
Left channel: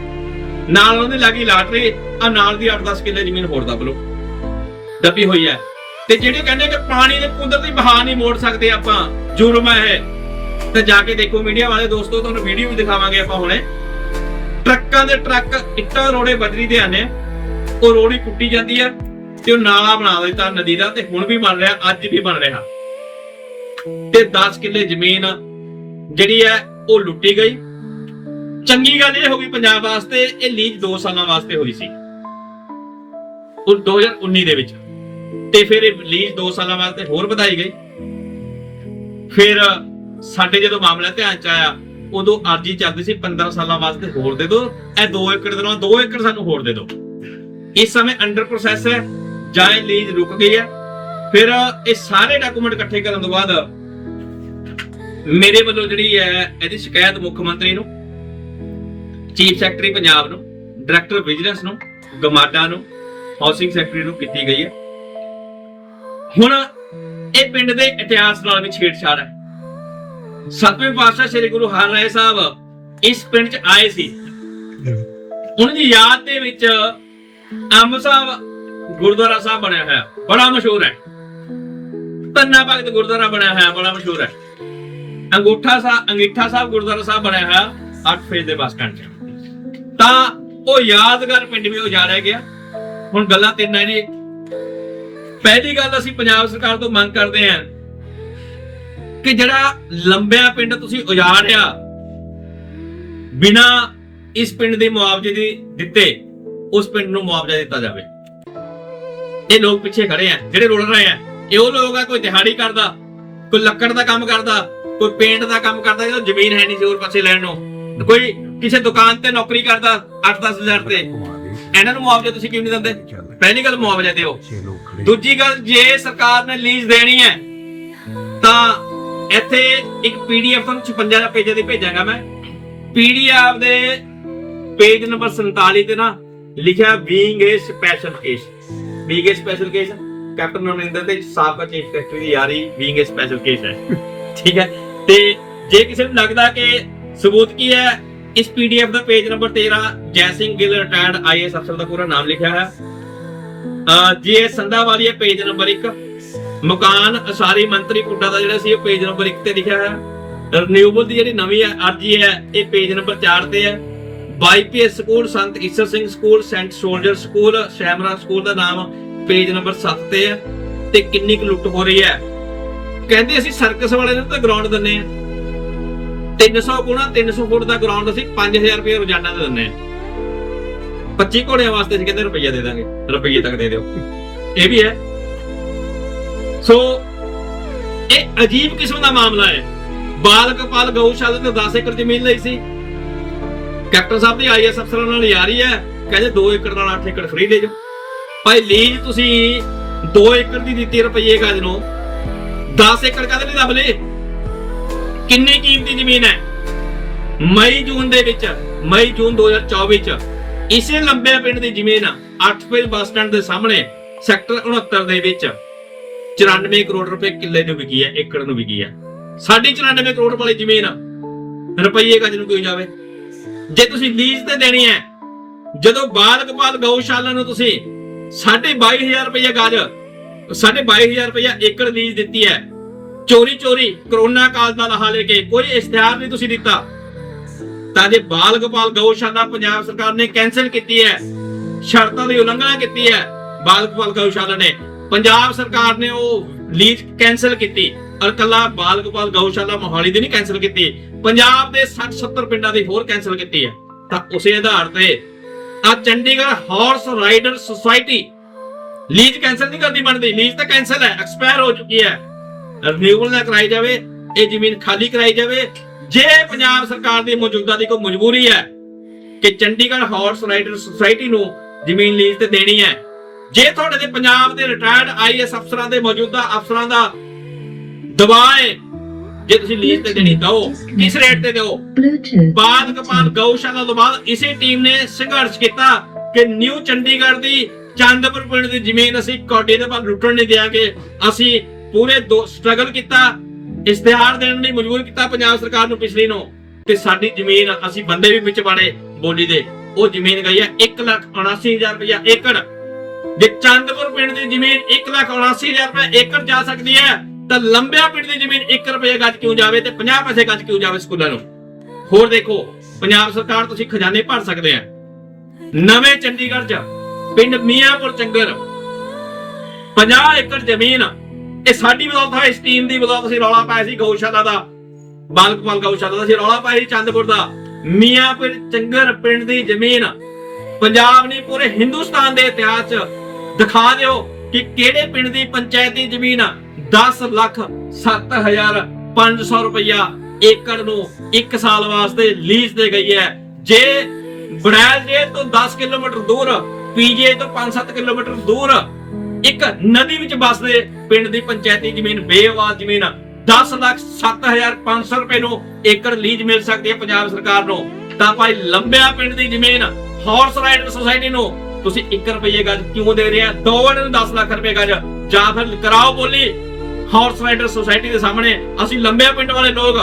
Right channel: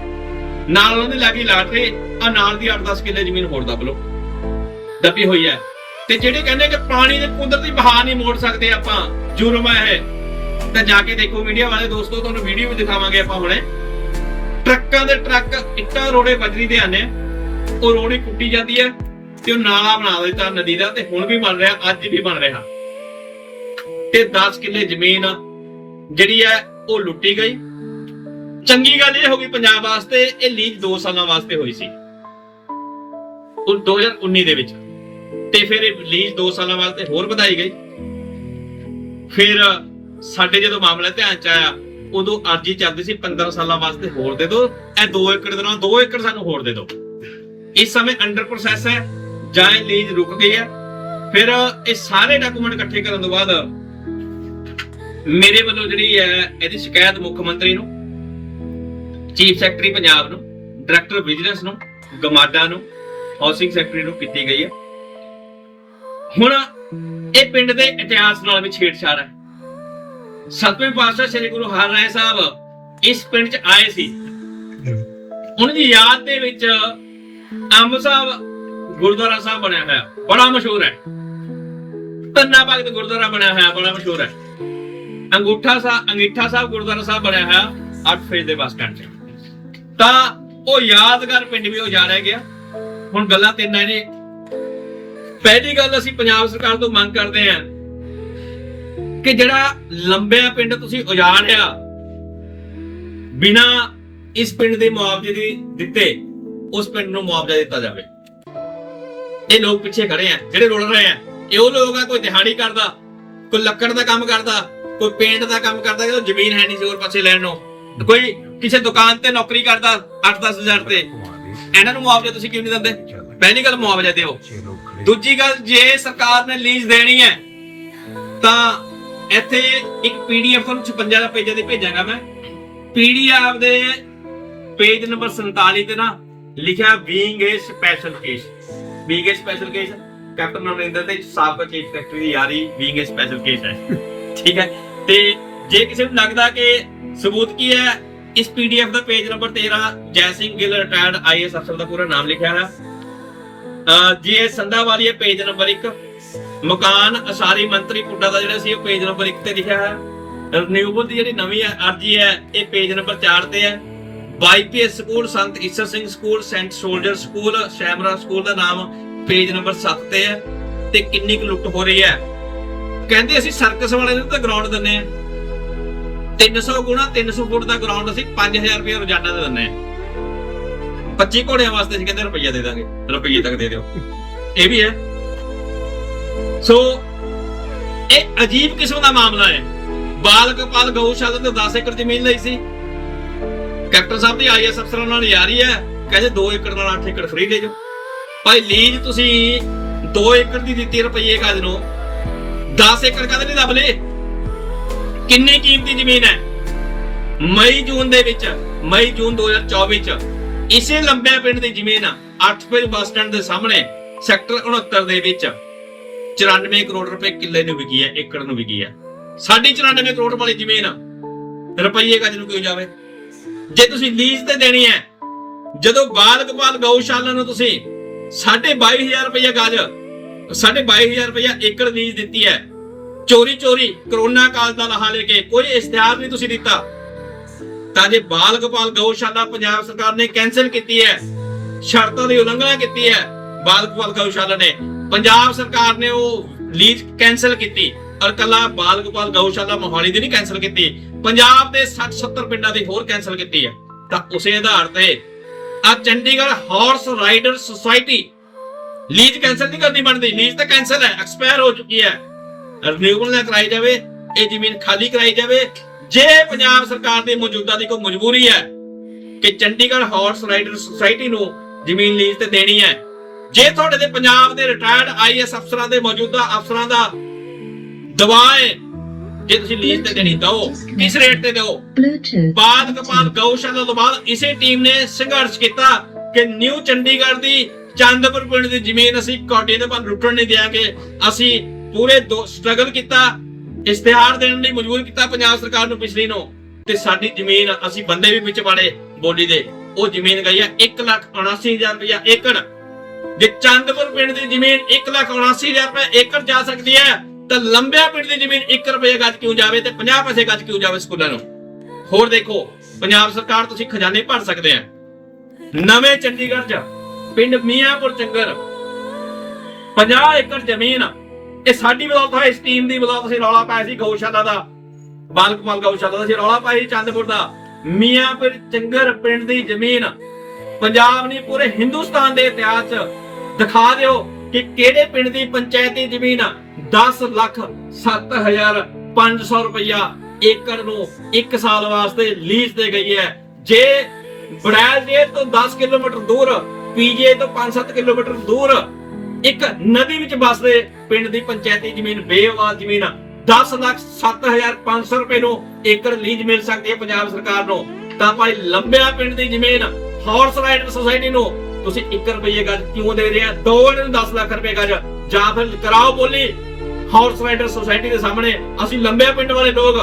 ਨਾਲ ਉਹਨੇ ਲੱਗੀ ਲਾਟਰੀ, ਆ ਨਾਲ ਦੀ 8-10 ਕਿੱਲੇ ਜ਼ਮੀਨ ਹੋਰ ਦੱਬ ਲਓ। ਦੱਬੀ ਹੋਈ ਹੈ। ਤੇ ਜਿਹੜੇ ਕਹਿੰਦੇ ਕਿ ਪਾਣੀ ਦੇ ਕੁਦਰਤੀ ਬਹਾ ਨਹੀਂ ਮੋੜ ਸਕਦੇ ਆਪਾਂ, ਜੁਰਮ ਹੈ ਇਹ। ਤੇ ਜਾ ਕੇ ਦੇਖੋ ਮੀਡੀਆ ਵਾਲੇ, ਦੋਸਤੋ, ਤੁਹਾਨੂੰ ਵੀਡੀਓ ਵੀ ਦਿਖਾਵਾਂਗੇ ਆਪਾਂ ਹੁਣੇ। ਟਰੱਕਾਂ ਦੇ ਟਰੱਕ ਇੱਟਾਂ ਰੋੜੇ ਬਜਰੀ ਦੇ ਆਨੇ ਆ। ਉਹ ਰੋੜੀ ਕੁੱਟੀ ਜਾਂਦੀ ਹੈ ਤੇ ਉਹ ਨਾਲਾ ਬਣਾ ਦਿੱਤਾ ਨਦੀ ਦਾ ਤੇ ਹੁਣ ਵੀ ਬਣ ਰਿਹਾ, ਅੱਜ ਵੀ ਬਣ ਰਿਹਾ। ਤੇ 10 ਕਿੱਲੇ ਜ਼ਮੀਨ ਜਿਹੜੀ ਹੈ ਉਹ ਲੁੱਟੀ ਗਈ। ਚੰਗੀ ਗੱਲ ਇਹ ਹੋ ਗਈ ਪੰਜਾਬ ਵਾਸਤੇ, ਇਹ ਲੀਜ਼ 2 ਸਾਲਾਂ ਵਾਸਤੇ ਹੋਈ ਸੀ। ਉਹ 2019 ਦੇ ਵਿੱਚ। ਤੇ ਫਿਰ ਇਹ ਲੀਜ਼ 2 ਸਾਲਾਂ ਵਾਸਤੇ ਹੋਰ ਵਧਾਈ ਗਈ। ਫਿਰ ਸਾਡੇ ਜਦੋਂ ਮਾਮਲਾ ਧਿਆਨ ਚ ਆਇਆ, ਉਦੋਂ ਅਰਜੀ ਚੱਲਦੀ ਸੀ 15 ਸਾਲਾਂ ਵਾਸਤੇ ਹੋਰ ਦੇ ਦਿਓ ਇਹ 2 ਏਕੜ ਦੇ ਨਾਲ 2 ਏਕੜ ਸਾਨੂੰ ਹੋਰ ਦੇ ਦਿਓ ਇਸ ਸਮੇਂ ਅੰਡਰ ਪ੍ਰੋਸੈਸ ਹੈ, ਜਾਂ ਇਹ ਲੀਜ਼ ਰੁਕ ਗਈ ਹੈ। ਫਿਰ ਇਹ ਸਾਰੇ ਡਾਕੂਮੈਂਟ ਇਕੱਠੇ ਕਰਨ ਤੋਂ ਬਾਅਦ ਮੇਰੇ ਵੱਲੋਂ ਜਿਹੜੀ ਹੈ, ਇਹਦੀ ਸ਼ਿਕਾਇਤ ਮੁੱਖ ਮੰਤਰੀ ਨੂੰ, ਚੀਫ ਸੈਕਟਰੀ ਪੰਜਾਬ ਨੂੰ, ਡਾਇਰੈਕਟਰ ਵਿਜੀਲੈਂਸ ਨੂੰ ਗਮਾਡਾ ਨੂੰ, ਹਾਊਸਿੰਗ ਸੈਕਟਰੀ ਨੂੰ ਕੀਤੀ ਗਈ ਹੈ। ਹੁਣ ਇਹ ਪਿੰਡ ਦੇ ਇਤਿਹਾਸ ਨਾਲ ਵੀ ਛੇੜਛਾੜ ਹੈ। ਸਤਵੇਂ ਪਾਤਸ਼ਾਹ ਸ੍ਰੀ ਗੁਰੂ ਹਰਿਰਾਏ ਸਾਹਿਬ ਇਸ ਪਿੰਡ 'ਚ ਆਏ ਸੀ। ਉਹਨਾਂ ਦੀ ਯਾਦ ਦੇ ਵਿੱਚ ਅੰਬ ਸਾਹਿਬ ਗੁਰਦੁਆਰਾ ਸਾਹਿਬ ਬਣਿਆ ਹੋਇਆ, ਬੜਾ ਮਸ਼ਹੂਰ ਹੈ। ਤੰਨਾ ਭਗਤ ਗੁਰਦੁਆਰਾ ਬਣਿਆ ਹੋਇਆ, ਬੜਾ ਮਸ਼ਹੂਰ ਹੈ। ਅੰਗੂਠਾ ਸਾਹਿਬ ਅੰਗੀਠਾ ਸਾਹਿਬ, ਗੁਰਦੁਆਰਾ ਸਾਹਿਬ ਬਣਿਆ ਹੋਇਆ 8 ਫੇਜ਼ ਦੇ ਬੱਸ ਸਟੈਂਡ 'ਚ ਤਾਂ ਉਹ ਯਾਦਗਾਰ ਪਿੰਡ ਵੀ ਉਜਾੜਿਆ ਗਿਆ। ਹੁਣ ਗੱਲਾਂ ਤਿੰਨ ਨੇ ਪਹਿਲੀ ਗੱਲ ਅਸੀਂ ਪੰਜਾਬ ਸਰਕਾਰ ਤੋਂ ਮੰਗ ਕਰਦੇ ਹਾਂ ਕਿ ਜਿਹੜਾ ਲੰਬਿਆ ਪਿੰਡ ਤੁਸੀਂ ਉਜਾੜਿਆ, ਬਿਨਾ ਇਸ ਪਿੰਡ ਦੇ ਮੁਆਵਜ਼ੇ ਦੇ ਦਿੱਤੇ, ਉਸ ਪਿੰਡ ਨੂੰ ਮੁਆਵਜ਼ਾ ਦਿੱਤਾ ਜਾਵੇ। ਇਹ ਲੋਕ ਪਿੱਛੇ ਖੜੇ ਆ, ਜਿਹੜੇ ਰੁਲ ਰਹੇ ਆ। ਇਹ ਉਹ ਲੋਕ ਆ, ਕੋਈ ਦਿਹਾੜੀ ਕਰਦਾ, ਕੋਈ ਲੱਕੜ ਦਾ ਕੰਮ ਕਰਦਾ ਕੋਈ ਪੇਂਟ ਦਾ ਕੰਮ ਕਰਦਾ ਜਦੋਂ ਜ਼ਮੀਨ ਹੈ ਨਹੀਂ ਹੋਰ ਪਾਸੇ ਲੈਣ ਨੂੰ। ਕੋਈ ਕਿਸੇ ਦੁਕਾਨ ਤੇ ਨੌਕਰੀ ਕਰਦਾ 8-10 ਹਜ਼ਾਰ ਤੇ। ਇਹਨਾਂ ਨੂੰ ਮੁਆਵਜ਼ਾ ਤੁਸੀਂ ਕਿਉਂ ਨਹੀਂ ਦਿੰਦੇ ਪਹਿਲੀ ਗੱਲ ਮੁਆਵਜ਼ਾ ਦਿਓ। ਦੂਜੀ ਗੱਲ ਜੇ ਸਰਕਾਰ ਨੇ ਲੀਜ਼ ਦੇਣੀ ਹੈ ਤਾਂ ਇੱਥੇ ਇੱਕ ਪੀਡੀਐਫ ਤੁਹਾਨੂੰ 56 ਦਾ ਪੇਜਾਂ ਦੀ ਭੇਜਾਂਗਾ ਮੈਂ। ਪੀਡੀਐਫ ਦੇ ਪੇਜ ਨੰਬਰ 47 ਤੇ ਨਾ ਲਿਖਿਆ being a special case being a special case captain Amarinder ਤੇ ਸਾਬਕਾ ਚੀਫ ਸੈਕਟਰੀ ਦੀ ਯਾਰੀ ਬੀਇੰਗ ਏ ਸਪੈਸ਼ਲ ਕੇਸ ਹੈ। ਠੀਕ ਹੈ? ਤੇ ਜੇ ਕਿਸੇ ਨੂੰ ਲੱਗਦਾ ਕਿ ਸਬੂਤ ਕੀ ਹੈ, ਇਸ PDF the page number 13 Jai Singh Gill retired is ਅਫਸਰ ਦਾ ਪੂਰਾ ਨਾਮ ਲਿਖਿਆ ਹੈ ਜੀ, ਇਹ ਸੰਧਾ ਹੈ ਪੇਜ ਨੰਬਰ 1 ਮਕਾਨ ਅਸਾਰੀ ਮੰਤਰੀ ਪੁੱਡਾ ਦਾ ਜਿਹੜਾ ਸੀ, ਉਹ ਪੇਜ ਨੰਬਰ 1 ਤੇ ਲਿਖਿਆ ਹੈ ਰਿਨਿਊਬਲ ਦੀ ਜਿਹੜੀ ਨਵੀਂ ਹੈ ਅਰਜੀ ਹੈ ਇਹ ਪੇਜ ਨੰਬਰ 4 ਤੇ ਹੈ। BYPS school, Sant Isher Singh school, saint soldier school, Shemrock school ਦਾ ਨਾਮ ਪੇਜ ਨੰਬਰ 7 ਤੇ ਹੈ। ਤੇ ਕਿੰਨੀ ਕੁ ਲੁੱਟ ਹੋ ਰਹੀ ਹੈ? ਕਹਿੰਦੇ ਅਸੀਂ ਸਰਕਸ ਵਾਲੇ ਨੂੰ ਤਾਂ ਗਰਾਊਂਡ ਦਿੰਨੇ ਆ 300 ਗੁਣਾ 300 ਫੁੱਟ ਦਾ ਗਰਾਊਂਡ ਅਸੀਂ 5000 ਰੁਪਏ ਰੋਜ਼ਾਨਾ ਦੇ ਦਿੰਨੇ ਆ 25 ਘੋੜਿਆਂ ਵਾਸਤੇ ਅਸੀਂ ਕਹਿੰਦੇ ਰੁਪਈਆ ਦੇ ਦਾਂਗੇ, ਰੁਪਈਏ ਤੱਕ ਦੇ ਦਿਓ। ਇਹ ਵੀ ਹੈ। ਸੋ, ਇਹ ਅਜੀਬ ਕਿਸਮ ਦਾ ਮਾਮਲਾ ਹੈ। ਬਾਲ ਗੋਪਾਲ ਗਊਸ਼ਾਲਾ ਤੇ 10 ਏਕੜ ਜ਼ਮੀਨ ਲਈ ਸੀ। ਕੈਪਟਨ ਸਾਹਿਬ ਦੀ ਆਈਐਸ ਅਫਸਰਾਂ ਨਾਲ ਯਾਰੀ ਹੈ। ਕਹਿੰਦੇ 2 ਏਕੜ ਨਾਲ 8 ਏਕੜ ਫ੍ਰੀ ਲੈ ਜਾਓ। ਭਾਈ ਲੀਜ਼ ਤੁਸੀਂ 2 ਏਕੜ ਦੀ ਦਿੱਤੀ ਰੁਪਈਏ ਗਜ ਨੂੰ। 10 ਏਕੜ ਕਦੇ ਨਹੀਂ ਲੱਭ ਲਏ ਕਿੰਨੀ ਕੀਮਤੀ ਜ਼ਮੀਨ ਹੈ? ਮਈ, ਜੂਨ ਦੇ ਵਿੱਚ, ਮਈ, ਜੂਨ 2024 ਚ। ਇਸੇ ਲੰਬਿਆ ਪਿੰਡ ਦੀ ਜ਼ਮੀਨ 8 ਬੱਸ ਸਟੈਂਡ ਦੇ ਸਾਹਮਣੇ, ਸੈਕਟਰ 69 ਦੇ ਵਿੱਚ। 94 ਕਰੋੜ ਰੁਪਏ ਕਿੱਲੇ ਨੂੰ ਵਿਕੀ ਹੈ, ਏਕੜ ਨੂੰ ਵਿਕੀ ਹੈ। ਸਾਡੀ 94 ਕਰੋੜ ਵਾਲੀ ਜ਼ਮੀਨ ਰੁਪਈਏ ਗਜ ਨੂੰ ਕਿਉਂ ਜਾਵੇ। ਜੇ ਤੁਸੀਂ ਲੀਜ਼ ਤੇ ਦੇਣੀ ਹੈ, ਜਦੋਂ ਬਾਲ ਗਊਸ਼ਾਲਾ ਨੂੰ ਤੁਸੀਂ 22500 ਰੁਪਏ ਗਜ 22500 ਰੁਪਏ ਏਕੜ ਲੀਜ਼ ਦਿੱਤੀ ਹੈ। ਚੋਰੀ ਚੋਰੀ, ਕਰੋਨਾ ਕਾਲ ਦਾ ਲਾਹਾ ਲੈ ਕੇ ਕੋਈ ਇਸ਼ਤਿਹਾਰ ਨਹੀਂ ਤੁਸੀਂ ਦਿੱਤਾ। ਤਾਂ ਜੇ ਬਾਲ ਗੋਪਾਲ ਗਊਸ਼ਾਲਾ ਪੰਜਾਬ ਸਰਕਾਰ ਨੇ ਕੈਨਸਲ ਕੀਤੀ ਹੈ, ਸ਼ਰਤਾਂ ਦੀ ਉਲੰਘਣਾ ਕੀਤੀ ਹੈ ਬਾਲ ਗੋਪਾਲ ਗਊਸ਼ਾਲਾ ਨੇ, ਪੰਜਾਬ ਸਰਕਾਰ ਨੇ ਉਹ ਲੀਜ਼ ਕੈਨਸਲ ਕੀਤੀ ਔਰ ਕੱਲਾ ਬਾਲ ਗੋਪਾਲ ਗਊਸ਼ਾਲਾ ਮੋਹਾਲੀ ਦੀ ਨਹੀਂ ਕੈਨਸਲ ਕੀਤੀ, ਪੰਜਾਬ ਦੇ 60 70 ਪਿੰਡਾਂ ਦੀ ਹੋਰ ਕੈਨਸਲ ਕੀਤੀ ਹੈ। ਤਾਂ ਉਸੇ ਆਧਾਰ ਤੇ ਆ Chandigarh horse rider society lease cancel ਨਹੀਂ ਕਰਨੀ ਬਣਦੀ ਲੀਜ਼ ਤਾਂ ਕੈਨਸਲ ਹੈ ਐਕਸਪਾਇਰ ਹੋ ਚੁੱਕੀ ਹੈ ਰਿਨਿਊਵਲ ਨਾ ਕਰਾਈ ਜਾਵੇ ਇਹ ਜ਼ਮੀਨ ਖਾਲੀ ਕਰਾਈ ਜਾਵੇ ਜੇ ਪੰਜਾਬ ਸਰਕਾਰ ਦੀ ਮੌਜੂਦਾ ਦੀ ਕੋਈ ਮਜਬੂਰੀ ਹੈ ਕਿ ਚੰਡੀਗੜ੍ਹ ਹਾਰਸ ਰਾਈਡਰ ਸੁਸਾਇਟੀ ਨੂੰ ਜ਼ਮੀਨ ਲੀਜ਼ ਤੇ ਦੇਣੀ ਹੈ ਜੇ ਤੁਹਾਡੇ ਤੇ ਪੰਜਾਬ ਦੇ ਰਿਟਾਇਰਡ ਆਈਐਸ ਅਫਸਰਾਂ ਦੇ ਮੌਜੂਦਾ ਅਫਸਰਾਂ ਦਾ ਦਬਾਅ ਹੈ ਜੇ ਤੁਸੀਂ ਲੀਜ਼ ਤੇ ਦੇਣੀ ਦਿਓ ਕਿਸ ਰੇਟ ਤੇ ਦਿਓ. ਬਾਦ ਕਪਾਲ ਗਊਸ਼ਾਲਾ ਤੋਂ ਬਾਅਦ ਇਸੇ ਟੀਮ ਨੇ ਸੰਘਰਸ਼ ਕੀਤਾ ਕਿ ਨਿਊ ਚੰਡੀਗੜ੍ਹ ਦੀ ਚੰਦਪੁਰ ਪਿੰਡ ਦੀ ਜ਼ਮੀਨ ਅਸੀਂ ਕੋਟੇ ਦੇ ਵੱਲ ਲੁੱਟਣ ਨਹੀਂ ਦਿਆਂਗੇ ਅਸੀਂ ਪੂਰੇ ਸਟਰਗਲ ਕੀਤਾ, ਇਸ਼ਤਿਹਾਰ ਦੇਣ ਲਈ ਮਜਬੂਰ ਕੀਤਾ ਪੰਜਾਬ ਸਰਕਾਰ ਨੂੰ ਪਿਛਲੀ ਨੂੰ। ਤੇ ਸਾਡੀ ਜ਼ਮੀਨ ਅਸੀਂ ਬੰਦੇ ਵੀ ਵਿੱਚ ਮਾੜੇ ਬੋਲੀ ਦੇ। ਉਹ ਜ਼ਮੀਨ ਗਈ ਹੈ 179000 ਰੁਪਇਆ ਏਕੜ। ਜੇ ਚੰਦਪੁਰ ਪਿੰਡ ਦੀ ਜ਼ਮੀਨ 179000 ਰੁਪਏ ਏਕੜ ਜਾ ਸਕਦੀ ਹੈ, ਤਾਂ ਲੰਬਿਆ ਪਿੰਡ ਦੀ ਜ਼ਮੀਨ 1 ਰੁਪਏ ਗੱਜ ਕਿਉਂ ਜਾਵੇ ਤੇ 50 ਪੈਸੇ ਗੱਜ ਕਿਉਂ ਜਾਵੇ ਸਕੂਲਾਂ ਨੂੰ? ਹੋਰ ਦੇਖੋ, ਪੰਜਾਬ ਸਰਕਾਰ ਤੁਸੀਂ ਖਜ਼ਾਨੇ ਭਰ ਸਕਦੇ ਆ। ਨਵੇਂ ਚੰਡੀਗੜ੍ਹ ਚ ਪਿੰਡ ਮੀਆਂਪੁਰ ਚੰਗਰ। 50 ਏਕੜ ਜ਼ਮੀਨ। ਇਹ ਸਾਡੀ ਬਦੌਲਤ ਹੈ ਇਸ ਟੀਮ ਦੀ ਬਦੌਲਤ ਅਸੀਂ ਰੌਲਾ ਪਾਇਆ ਸੀ ਗਊਸ਼ਾਲਾ ਦਾ। ਬਾਲਕਪਾਲ ਗਊਸ਼ਾਲਾ ਦਾ ਅਸੀਂ ਰੌਲਾ ਪਾਇਆ ਸੀ ਚੰਦਪੁਰ ਦਾ। ਮੀਆਂਪੁਰ ਚੰਗਰ ਪਿੰਡ ਦੀ ਜ਼ਮੀਨ। ਪੰਜਾਬ ਨੇ ਪੂਰੇ ਹਿੰਦੁਸਤਾਨ ਦੇ ਇਤਿਹਾਸ 'ਚ ਦਿਖਾ ਦਿਓ ਕਿ ਕਿਹੜੇ ਪਿੰਡ ਦੀ ਪੰਚਾਇਤੀ ਜ਼ਮੀਨ 10 ਲੱਖ 7500 ਰੁਪਇਆ ਏਕੜ ਨੂੰ 1 ਸਾਲ ਵਾਸਤੇ ਲੀਜ਼ ਦੇ ਗਈ ਹੈ। ਜੇ ਬੜੈਲ ਜੇ ਤੋਂ 10 ਕਿਲੋਮੀਟਰ ਦੂਰ ਪੀਜੇ ਤੋਂ 5-7 ਕਿਲੋਮੀਟਰ ਦੂਰ ਇੱਕ ਨਦੀ ਵਿੱਚ ਵਸਦੇ ਪਿੰਡ ਦੀ ਪੰਚਾਇਤੀ ਜ਼ਮੀਨ ਬੇਆਵਾਜ਼ ਜ਼ਮੀਨ 10 ਲੱਖ 7500 ਰੁਪਏ ਨੂੰ ਏਕੜ ਲੀਜ਼ ਮਿਲ ਸਕਦੀ ਹੈ ਪੰਜਾਬ ਸਰਕਾਰ ਨੂੰ। ਤਾਂ ਭਾਈ ਲੰਬਿਆ ਪਿੰਡ ਦੀ ਜ਼ਮੀਨ ਹਾਰਸ ਰਾਈਡਰ ਸੁਸਾਇਟੀ ਨੂੰ ਤੁਸੀਂ 1 ਰੁਪਏ ਗਜ ਕਿਉਂ ਦੇ ਰਹੇ ਆ? ਦੋ ਨੂੰ 10 ਲੱਖ ਰੁਪਏ ਗਜ। ਜਾਂ ਫਿਰ ਕਰਾਓ ਬੋਲੀ ਹਾਰਸ ਰਾਈਡਰ ਸੁਸਾਇਟੀ ਦੇ ਸਾਹਮਣੇ। ਅਸੀਂ ਲੰਬਿਆ ਪਿੰਡ ਵਾਲੇ ਲੋਕ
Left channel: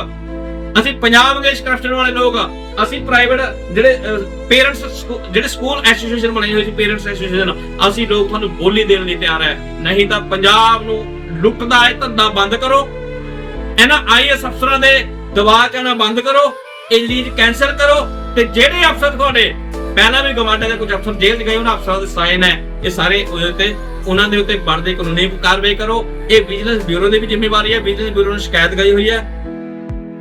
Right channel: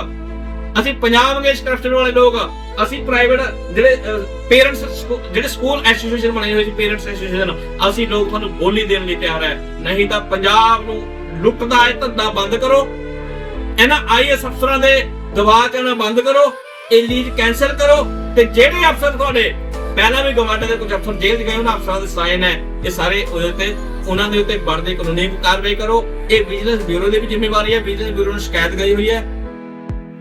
ਅਸੀਂ ਪੰਜਾਬ ਇੰਗਲਿਸ਼ ਕਰਪਸ਼ਨ ਵਾਲੇ ਲੋਕ ਆ। ਅਸੀਂ ਪ੍ਰਾਈਵੇਟ ਜਿਹੜੇ ਪੇਰੈਂਟਸ ਜਿਹੜੇ ਸਕੂਲ ਐਸੋਸੀਏਸ਼ਨ ਬਣਾਈ ਹੋਈ ਸੀ ਪੇਰੈਂਟਸ ਐਸੋਸੀਏਸ਼ਨ ਅਸੀਂ ਲੋਕ ਤੁਹਾਨੂੰ ਬੋਲੀ ਦੇਣ ਲਈ ਤਿਆਰ ਹੈ ਨਹੀਂ ਤਾਂ ਪੰਜਾਬ ਨੂੰ ਲੁੱਟਦਾ ਹੈ, ਧੰਦਾ ਬੰਦ ਕਰੋ। ਇਹਨਾਂ ਆਈਐਸ ਅਫਸਰਾਂ ਦੇ ਦਬਾਅ ਕਰਨਾ ਬੰਦ ਕਰੋ। ਇਹ ਲੀਜ਼ ਕੈਨਸਲ ਕਰੋ। ਤੇ ਜਿਹੜੇ ਅਫਸਰ ਤੁਹਾਡੇ, ਪਹਿਲਾਂ ਵੀ ਗਵਾਂਡੇ ਦੇ ਕੁਝ ਅਫਸਰ ਜੇਲ੍ਹ 'ਚ ਗਏ, ਉਹਨਾਂ ਅਫਸਰਾਂ ਦੇ ਸਾਈਨ ਹੈ। ਇਹ ਸਾਰੇ ਉਹਦੇ ਉੱਤੇ, ਉਹਨਾਂ ਦੇ ਉੱਤੇ ਬਣਦੇ ਕਾਨੂੰਨੀ ਕਾਰਵਾਈ ਕਰੋ। ਇਹ ਵਿਜੀਲੈਂਸ ਬਿਊਰੋ ਦੀ ਵੀ ਜ਼ਿੰਮੇਵਾਰੀ ਹੈ ਵਿਜੀਲੈਂਸ ਬਿਊਰੋ ਨੂੰ ਸ਼ਿਕਾਇਤ ਗਈ ਹੋਈ ਹੈ।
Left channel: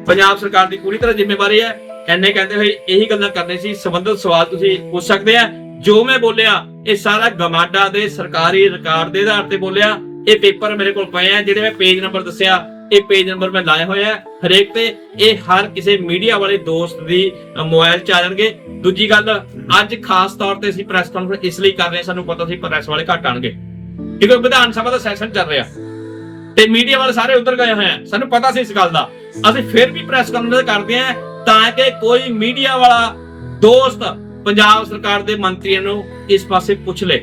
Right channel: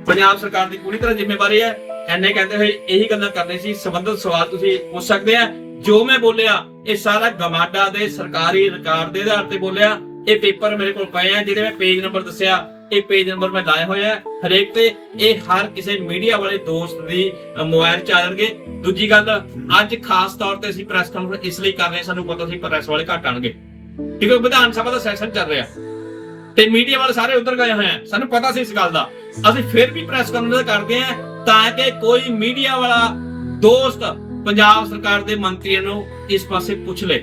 ਪੰਜਾਬ ਸਰਕਾਰ ਦੀ ਪੂਰੀ ਤਰ੍ਹਾਂ ਜ਼ਿੰਮੇਵਾਰੀ ਹੈ। ਐਨੇ ਕਹਿੰਦੇ ਹੋਏ ਇਹੀ ਗੱਲਾਂ ਕਰਨੀ ਸੀ। ਸੰਬੰਧਿਤ ਸਵਾਲ ਤੁਸੀਂ ਪੁੱਛ ਸਕਦੇ ਆ। ਜੋ ਮੈਂ ਬੋਲਿਆ ਇਹ ਸਾਰਾ ਗਮਾਡਾ ਦੇ ਸਰਕਾਰੀ ਰਿਕਾਰਡ ਦੇ ਆਧਾਰ ਤੇ ਬੋਲਿਆ। ਇਹ ਪੇਪਰ ਮੇਰੇ ਕੋਲ ਪਏ ਆ ਜਿਹੜੇ ਮੈਂ ਪੇਜ ਨੰਬਰ ਦੱਸਿਆ ਇਹ ਪੇਜ ਨੰਬਰ ਮੈਂ ਲਾਏ ਹੋਏ ਹਰੇਕ ਤੇ ਇਹ ਹਰ ਕਿਸੇ ਮੀਡੀਆ ਵਾਲੇ ਦੋਸਤ ਦੀ ਅ, ਮੋਬਾਈਲ ਚ ਆ ਜਾਣਗੇ। ਦੂਜੀ ਗੱਲ ਅੱਜ ਖਾਸ ਤੌਰ ਤੇ ਅਸੀਂ ਪ੍ਰੈਸ ਕਾਨਫਰੰਸ ਇਸ ਲਈ ਕਰ ਰਹੇ ਸਾਨੂੰ ਪਤਾ ਸੀ ਪ੍ਰੈਸ ਵਾਲੇ ਘੱਟ ਆਣਗੇ। ਕਿਉਂਕਿ ਵਿਧਾਨ ਸਭਾ ਦਾ ਸੈਸ਼ਨ ਚੱਲ ਰਿਹਾ। ਤੇ ਮੀਡੀਆ ਵਾਲੇ ਸਾਰੇ ਉਧਰ ਗਏ ਹੋਏ ਆ। ਸਾਨੂੰ ਪਤਾ ਸੀ ਇਸ ਗੱਲ ਦਾ। ਅਸੀਂ ਫਿਰ ਵੀ ਪ੍ਰੈਸ ਕਾਨਫਰੰਸ ਕਰਦੇ ਆ ਤਾਂ ਕਿ ਕੋਈ ਮੀਡੀਆ ਵਾਲਾ ਦੋਸਤ ਪੰਜਾਬ ਸਰਕਾਰ ਦੇ ਮੰਤਰੀਆਂ ਨੂੰ ਇਸ ਪਾਸੇ ਪੁੱਛ ਲੇ।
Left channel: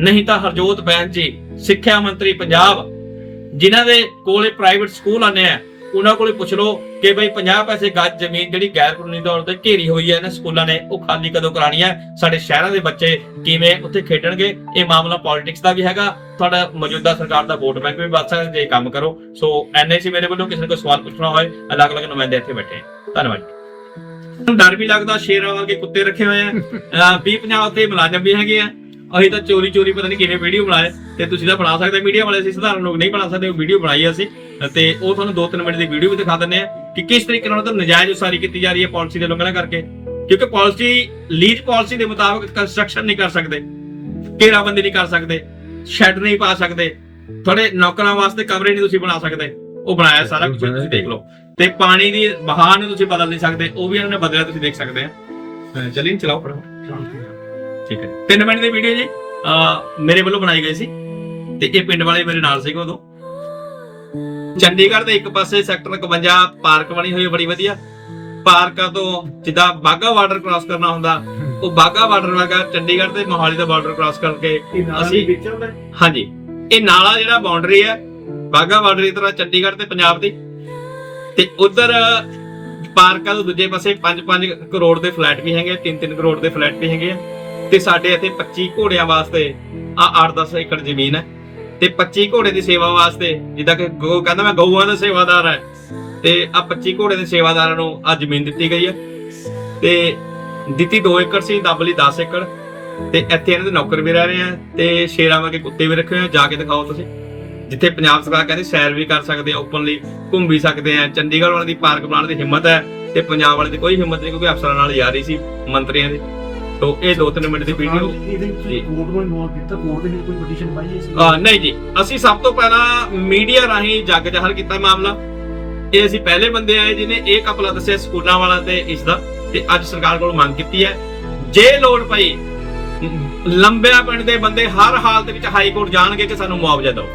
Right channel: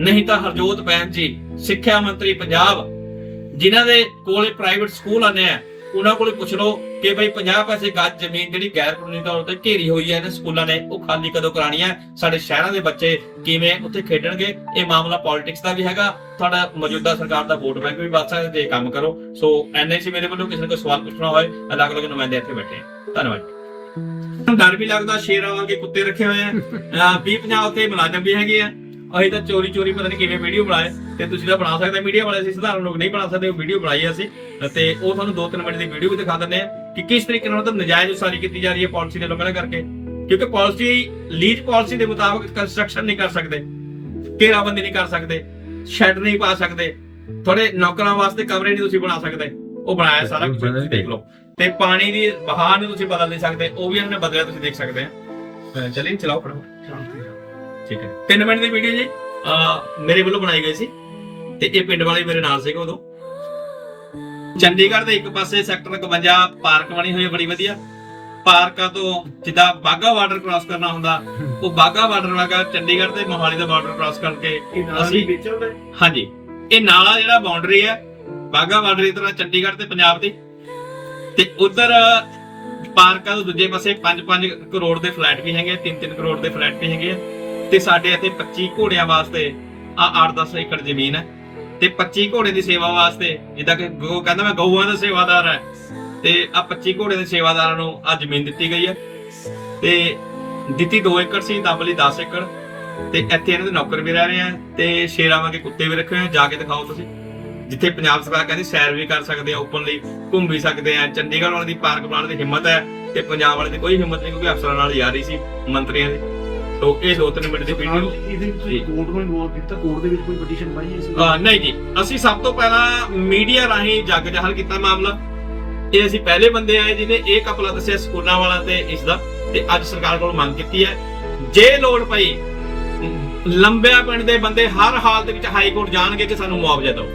ਨਹੀਂ ਤਾਂ ਹਰਜੋਤ ਬੈਨ ਜੀ, ਸਿੱਖਿਆ ਮੰਤਰੀ ਪੰਜਾਬ, ਜਿਨ੍ਹਾਂ ਦੇ ਕੋਲੇ ਪ੍ਰਾਈਵੇਟ ਸਕੂਲ ਆਨੇ ਆ ਉਹਨਾਂ ਕੋਲੇ ਪੁੱਛ ਲਓ ਕਿ ਬਈ 50 ਪੈਸੇ ਗੱਜ ਜ਼ਮੀਨ ਜਿਹੜੀ ਗੈਰ ਕਾਨੂੰਨੀ ਤੌਰ ਤੇ ਘੇਰੀ ਹੋਈ ਹੈ ਇਹਨਾਂ ਸਕੂਲਾਂ ਨੇ, ਉਹ ਖਾਲੀ ਕਦੋਂ ਕਰਾਣੀ ਹੈ? ਸਾਡੇ ਸ਼ਹਿਰਾਂ ਦੇ ਬੱਚੇ ਕਿਵੇਂ ਉੱਥੇ ਖੇਡਣਗੇ? ਇਹ ਮਾਮਲਾ ਪੋਲਿਟਿਕਸ ਦਾ ਵੀ ਹੈਗਾ। ਤੁਹਾਡਾ ਮੌਜੂਦਾ ਸਰਕਾਰ ਦਾ ਵੋਟ ਬੈਂਕ ਵੀ ਵੱਧ ਸਕਦਾ ਜੇ ਕੰਮ ਕਰੋ। ਸੋ ਐਨਐਸੀ ਮੇਰੇ ਵੱਲੋਂ ਕਿਸੇ ਨੂੰ ਕੋਈ ਸਵਾਲ ਪੁੱਛਣਾ ਹੋਏ ਅਲੱਗ-ਅਲੱਗ ਨੁਮਾਇੰਦੇ ਇੱਥੇ ਬੈਠੇ ਆ। ਧੰਨਵਾਦ। ਡਰ ਵੀ ਲੱਗਦਾ, ਸ਼ੇਰਾਂ ਵਰਗੇ ਕੁੱਤੇ ਰੱਖੇ ਹੋਏ ਆ। ਅਹ 20 50 ਉੱਤੇ ਮੁਲਾਜ਼ਮ ਵੀ ਹੈਗੇ ਆ। ਅਸੀਂ ਤਾਂ ਚੋਰੀ ਚੋਰੀ ਪਤਾ ਨਹੀਂ ਕਿਵੇਂ ਵੀਡੀਓ ਬਣਾਏ ਤੇ ਤੁਸੀਂ ਤਾਂ ਬਣਾ ਸਕਦੇ ਮੀਡੀਆ ਵਾਲੇ ਅਸੀਂ ਸਧਾਰਨ ਲੋਕ ਨਹੀਂ ਬਣਾ ਸਕਦੇ ਉਹ ਵੀਡੀਓ ਬਣਾਈ ਅਸੀਂ। ਤੇ ਉਹ ਤੁਹਾਨੂੰ 2-3 ਮਿੰਟ ਦੀ ਵੀਡੀਓ ਵੀ ਦਿਖਾ ਦਿੰਦੇ ਆ ਕਿ ਕਿਸ ਤਰੀਕੇ ਨਾਲ ਉਹ ਤਾਂ ਨਜਾਇਜ਼ ਉਸਾਰੀ ਕੀਤੀ ਜਾ ਰਹੀ ਹੈ ਪਾਲਿਸੀ ਦੇ ਲੋਕਾਂ ਕਰਕੇ। ਕਿਉਂਕਿ ਪਾਲਿਸੀ ਲੀਜ਼ ਪਾਲਿਸੀ ਦੇ ਮੁਤਾਬਕ ਕੰਸਟਰਕਸ਼ਨ ਨਹੀਂ ਕਰ ਸਕਦੇ ਘੇਰਾਬੰਦੀ ਨਹੀਂ ਕਰ ਸਕਦੇ ਸ਼ੈਡ ਨਹੀਂ ਪਾ ਸਕਦੇ ਤੁਹਾਡੇ ਨੌਕਰਾਂ ਵਾਸਤੇ ਕਮਰੇ ਨਹੀਂ ਤੁਸੀਂ ਬਣਾ ਸਕਦੇ ਉਹ ਬਣਾਇਆ ਸਾਰਾ ਕੁਝ ਤੁਸੀਂ ਦੇਖ ਲਓ। ਤੇ ਪਾਣੀ ਦੀ ਬਹਾਅ ਨੂੰ ਤੁਸੀਂ ਬਦਲ ਨਹੀਂ ਸਕਦੇ ਉਹ ਵੀ ਇਹਨਾਂ ਨੇ ਬਦਲਿਆ ਤੁਸੀਂ ਦੇਖ ਸਕਦੇ ਆ। ਚਲਿਏ ਚਲਾਓ ਪੜੋ ਠੀਕ ਹੈ। 3 ਮਿੰਟ ਦੀ ਵੀਡੀਓ ਜੀ ਮੇਰੇ ਵੱਲੋਂ ਬਣਾਈ ਗਈ ਸੀ ਤੇ ਇਹ ਪਿੰਡ ਵਾਲੇ ਮੇਰੇ ਨਾਲ ਸੀਗੇ ਉਦੋਂ। ਚੰਡੀਗੜ੍ਹ ਦੇ ਇੱਕ ਪਾਸੇ ਸੈਕਟਰ 51 ਪਾਰਕ ਬਣੀ ਹੋਈ ਹੈ ਬੜੀ ਵਧੀਆ। ਪਾਰਕਾਂ ਤੋਂ ਜਿੱਦਾਂ ਬਾਗਾ ਬਾਰਡਰ ਕ੍ਰਾਸ ਕਰਨਾ ਹੁੰਦਾ ਉਹ ਬਾਗਾ ਬਾਰਡਰ ਵਾਗਾ ਚੰਡੀਗੜ੍ਹ ਤੇ ਮੋਹਾਲੀ ਦਾ ਬਾਰਡਰ ਕ੍ਰਾਸ ਕਰਕੇ ਅਸੀਂ ਹਾਂਜੀ। ਇਹ ਨਾਲਾ ਜਿਹੜਾ ਬਾਉਂਡਰੀ ਹੈ ਬਾਗਾ ਬਾਰਡਰ ਦੀ ਤਰ੍ਹਾਂ ਚੰਡੀਗੜ੍ਹ ਤੇ ਪੰਜਾਬ ਦੀ। ਤੇ ਉਧਰ ਪਾਰਕਾਂ ਤੋਂ ਦੂਜੇ ਪਾਸੇ 5-5 ਕਰੋੜ ਦੇ ਫਲੈਟ ਵੀ ਹੈਗੇ 3-3 ਕਰੋੜ ਦੇ ਫਲੈਟ ਵੀ ਹੈਗੇ। ਤੇ ਸਾਡੇ ਇੱਥੇ 25 ਘੋੜਿਆਂ ਵਾਸਤੇ ਆ 8-10 ਏਕੜ ਜ਼ਮੀਨ ਹੈ। ਤੇ 25 ਘੋੜੇ ਦੀ ਸੇਵਾ ਵਾਸਤੇ, ਜਿੱਦਾਂ ਕਿ ਗੋ, ਕਹਿੰਦਾ ਮੈਂ ਗਊਆਂ ਦਾ ਸੇਵਾਦਾਰ ਹੈ। ਤੇ ਆ 25 ਘੋੜੇ ਦੇ ਸੇਵਾਦਾਰਾਂ ਨੂੰ ਆ ਜ਼ਮੀਨ ਦਿੱਤੀ ਗਈ ਹੈ। ਤੇ ਦਿੱਤੀ 2 ਏਕੜ ਸੀ, ਦੱਬ ਲਈ 10 ਏਕੜ। ਤੇ ਇੱਥੇ ਇਹਨਾਂ ਦੇ ਨੌਕਰ ਵੀ ਰਹਿ ਰਹੇ ਆ ਤੇ ਸ਼ੇਰਾਂ ਵਰਗੇ ਕੁੱਤੇ ਵੀ ਰੱਖੇ ਹੋਏ ਆ। ਜਾ ਕੇ ਦਿਖਾਓ ਤੁਸੀਂ। ਜਿੱਥੇ ਪੰਜਾਬ ਸਰਕਾਰ ਕਹਿੰਦੀ ਸੈਰ ਵੀ ਕਰ ਸਕਦੇ ਆ ਓਪਨਲੀ ਘੁੰਮ ਵੀ ਸਕਦੇ ਆ। ਚੰਡੀਗੜ੍ਹ ਵਾਲੇ ਦੀ ਪਾਰਕ ਬਣਾਉਣ ਦੀ ਹਿੰਮਤ ਹੈ ਤੇ ਪੰਜਾਬ ਵਾਲੇ ਦੀ ਕੋਈ ਹਿੰਮਤ ਨਹੀਂ, ਕਿਉਂਕਿ ਅਫਸਰਾਂ ਨਾਲ ਯਾਰੀ ਸੀ ਮੰਤਰੀਆਂ ਦੀ। ਤੋਂ ਇਹ 2-3 ਮਿੰਟ ਦੀ ਵੀਡੀਓ ਇਹਦੇ ਵਿੱਚ। ਕੋਰਟ ਨੂੰ ਇਨਵੋਲਵ ਕੀਤਾ ਕੋਰਟ ਦੇ ਵਿੱਚ ਕੋਈ ਪਟੀਸ਼ਨ ਪਾਈ ਸੀ। ਨਹੀਂ ਜੀ। ਅਸੀਂ ਸਭ ਤੋਂ ਪਹਿਲਾਂ ਮੀਡੀਆ ਰਾਹੀਂ ਜੱਗ ਜਹਲ ਕੀਤਾ ਮਾਮਲਾ। ਇਹ ਅਸੀਂ ਪਹਿਲੇ ਬੰਦੇ ਆਏ ਜਿਨੇ ਇਹ ਕਪਲਾ ਦੱਸਿਆ ਸਕੂਲਾਂ ਵਾਲਾ ਤੇ ਇਸ ਦਾ ਤੇ ਅੱਜ ਸਰਕਾਰ ਕੋਲ ਮੰਗ ਕੀਤੀ ਹੈ। ਜੇ ਲੋੜ ਪਈ ਲੰਬਿਆ ਪਿੰਡ ਦੇ ਬੰਦੇ ਹਰ ਹਾਲਤ ਵਿੱਚ ਹਾਈ ਕੋਰਟ ਜਾਣਗੇ ਕਿ ਸਾਨੂੰ ਮੁਆਵਜ਼ਾ ਦਿਓ।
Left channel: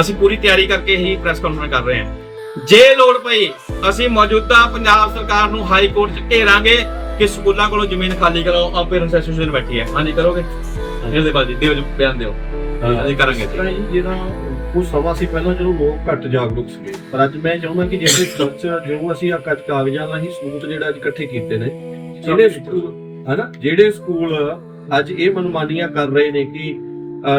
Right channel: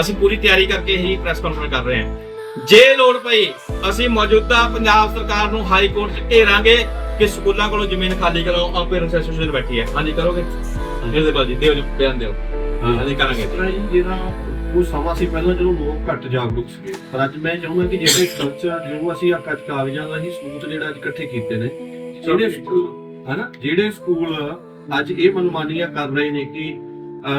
ਅਸੀਂ ਪੂਰੀ ਤਿਆਰੀ ਕਰਕੇ ਹੀ ਪ੍ਰੈਸ ਕਾਨਫਰੰਸ ਕਰ ਰਹੇ ਹਾਂ। ਜੇ ਲੋੜ ਪਈ ਅਸੀਂ ਮੌਜੂਦਾ ਪੰਜਾਬ ਸਰਕਾਰ ਨੂੰ ਹਾਈ ਕੋਰਟ 'ਚ ਘੇਰਾਂਗੇ। ਕਿ ਸਕੂਲਾਂ ਕੋਲੋਂ ਜ਼ਮੀਨ ਖਾਲੀ ਕਰਾਓ ਆ ਪੇਰੈਂਟਸ ਐਸੋਸੀਏਸ਼ਨ ਬੈਠੀ ਹੈ ਹਾਂਜੀ ਕਰੋਗੇ? ਇਹਦੇ ਬਾਜੀ ਦਿਓ ਜੀ ਬਿਆਨ ਦਿਓ। ਅਸੀਂ ਕਰਾਂਗੇ ਜੀ। ਜਿਹਦਾ ਉਹ ਸਮਾਂ ਸੀ ਪਹਿਲਾਂ ਜਦੋਂ ਲੋਕ ਘੱਟ ਜਾਗਰੂਕ ਸੀਗੇ। ਪਰ ਅੱਜ ਮੈਂ ਚਾਹੁੰਦਾ ਕਿ ਜਿਹੜੇ ਕਲਚਰ ਜੋ ਅਸੀਂ ਆ ਕੱਟ ਕਾਗਜ਼ਾਂ ਰਾਹੀਂ ਸਬੂਤ ਜਿਹੜਾ ਅੱਜ ਇਕੱਠੇ ਕੀਤੇ ਨੇ ਜਿਹੜੇ ਸਕੂਲ ਹਨਾ? ਜਿਹੜੇ ਸਕੂਲ ਅੱਜ ਇਹ ਮਨਮਾਨੀਆਂ ਕਰ ਰਹੇ ਨੇ ਕਿ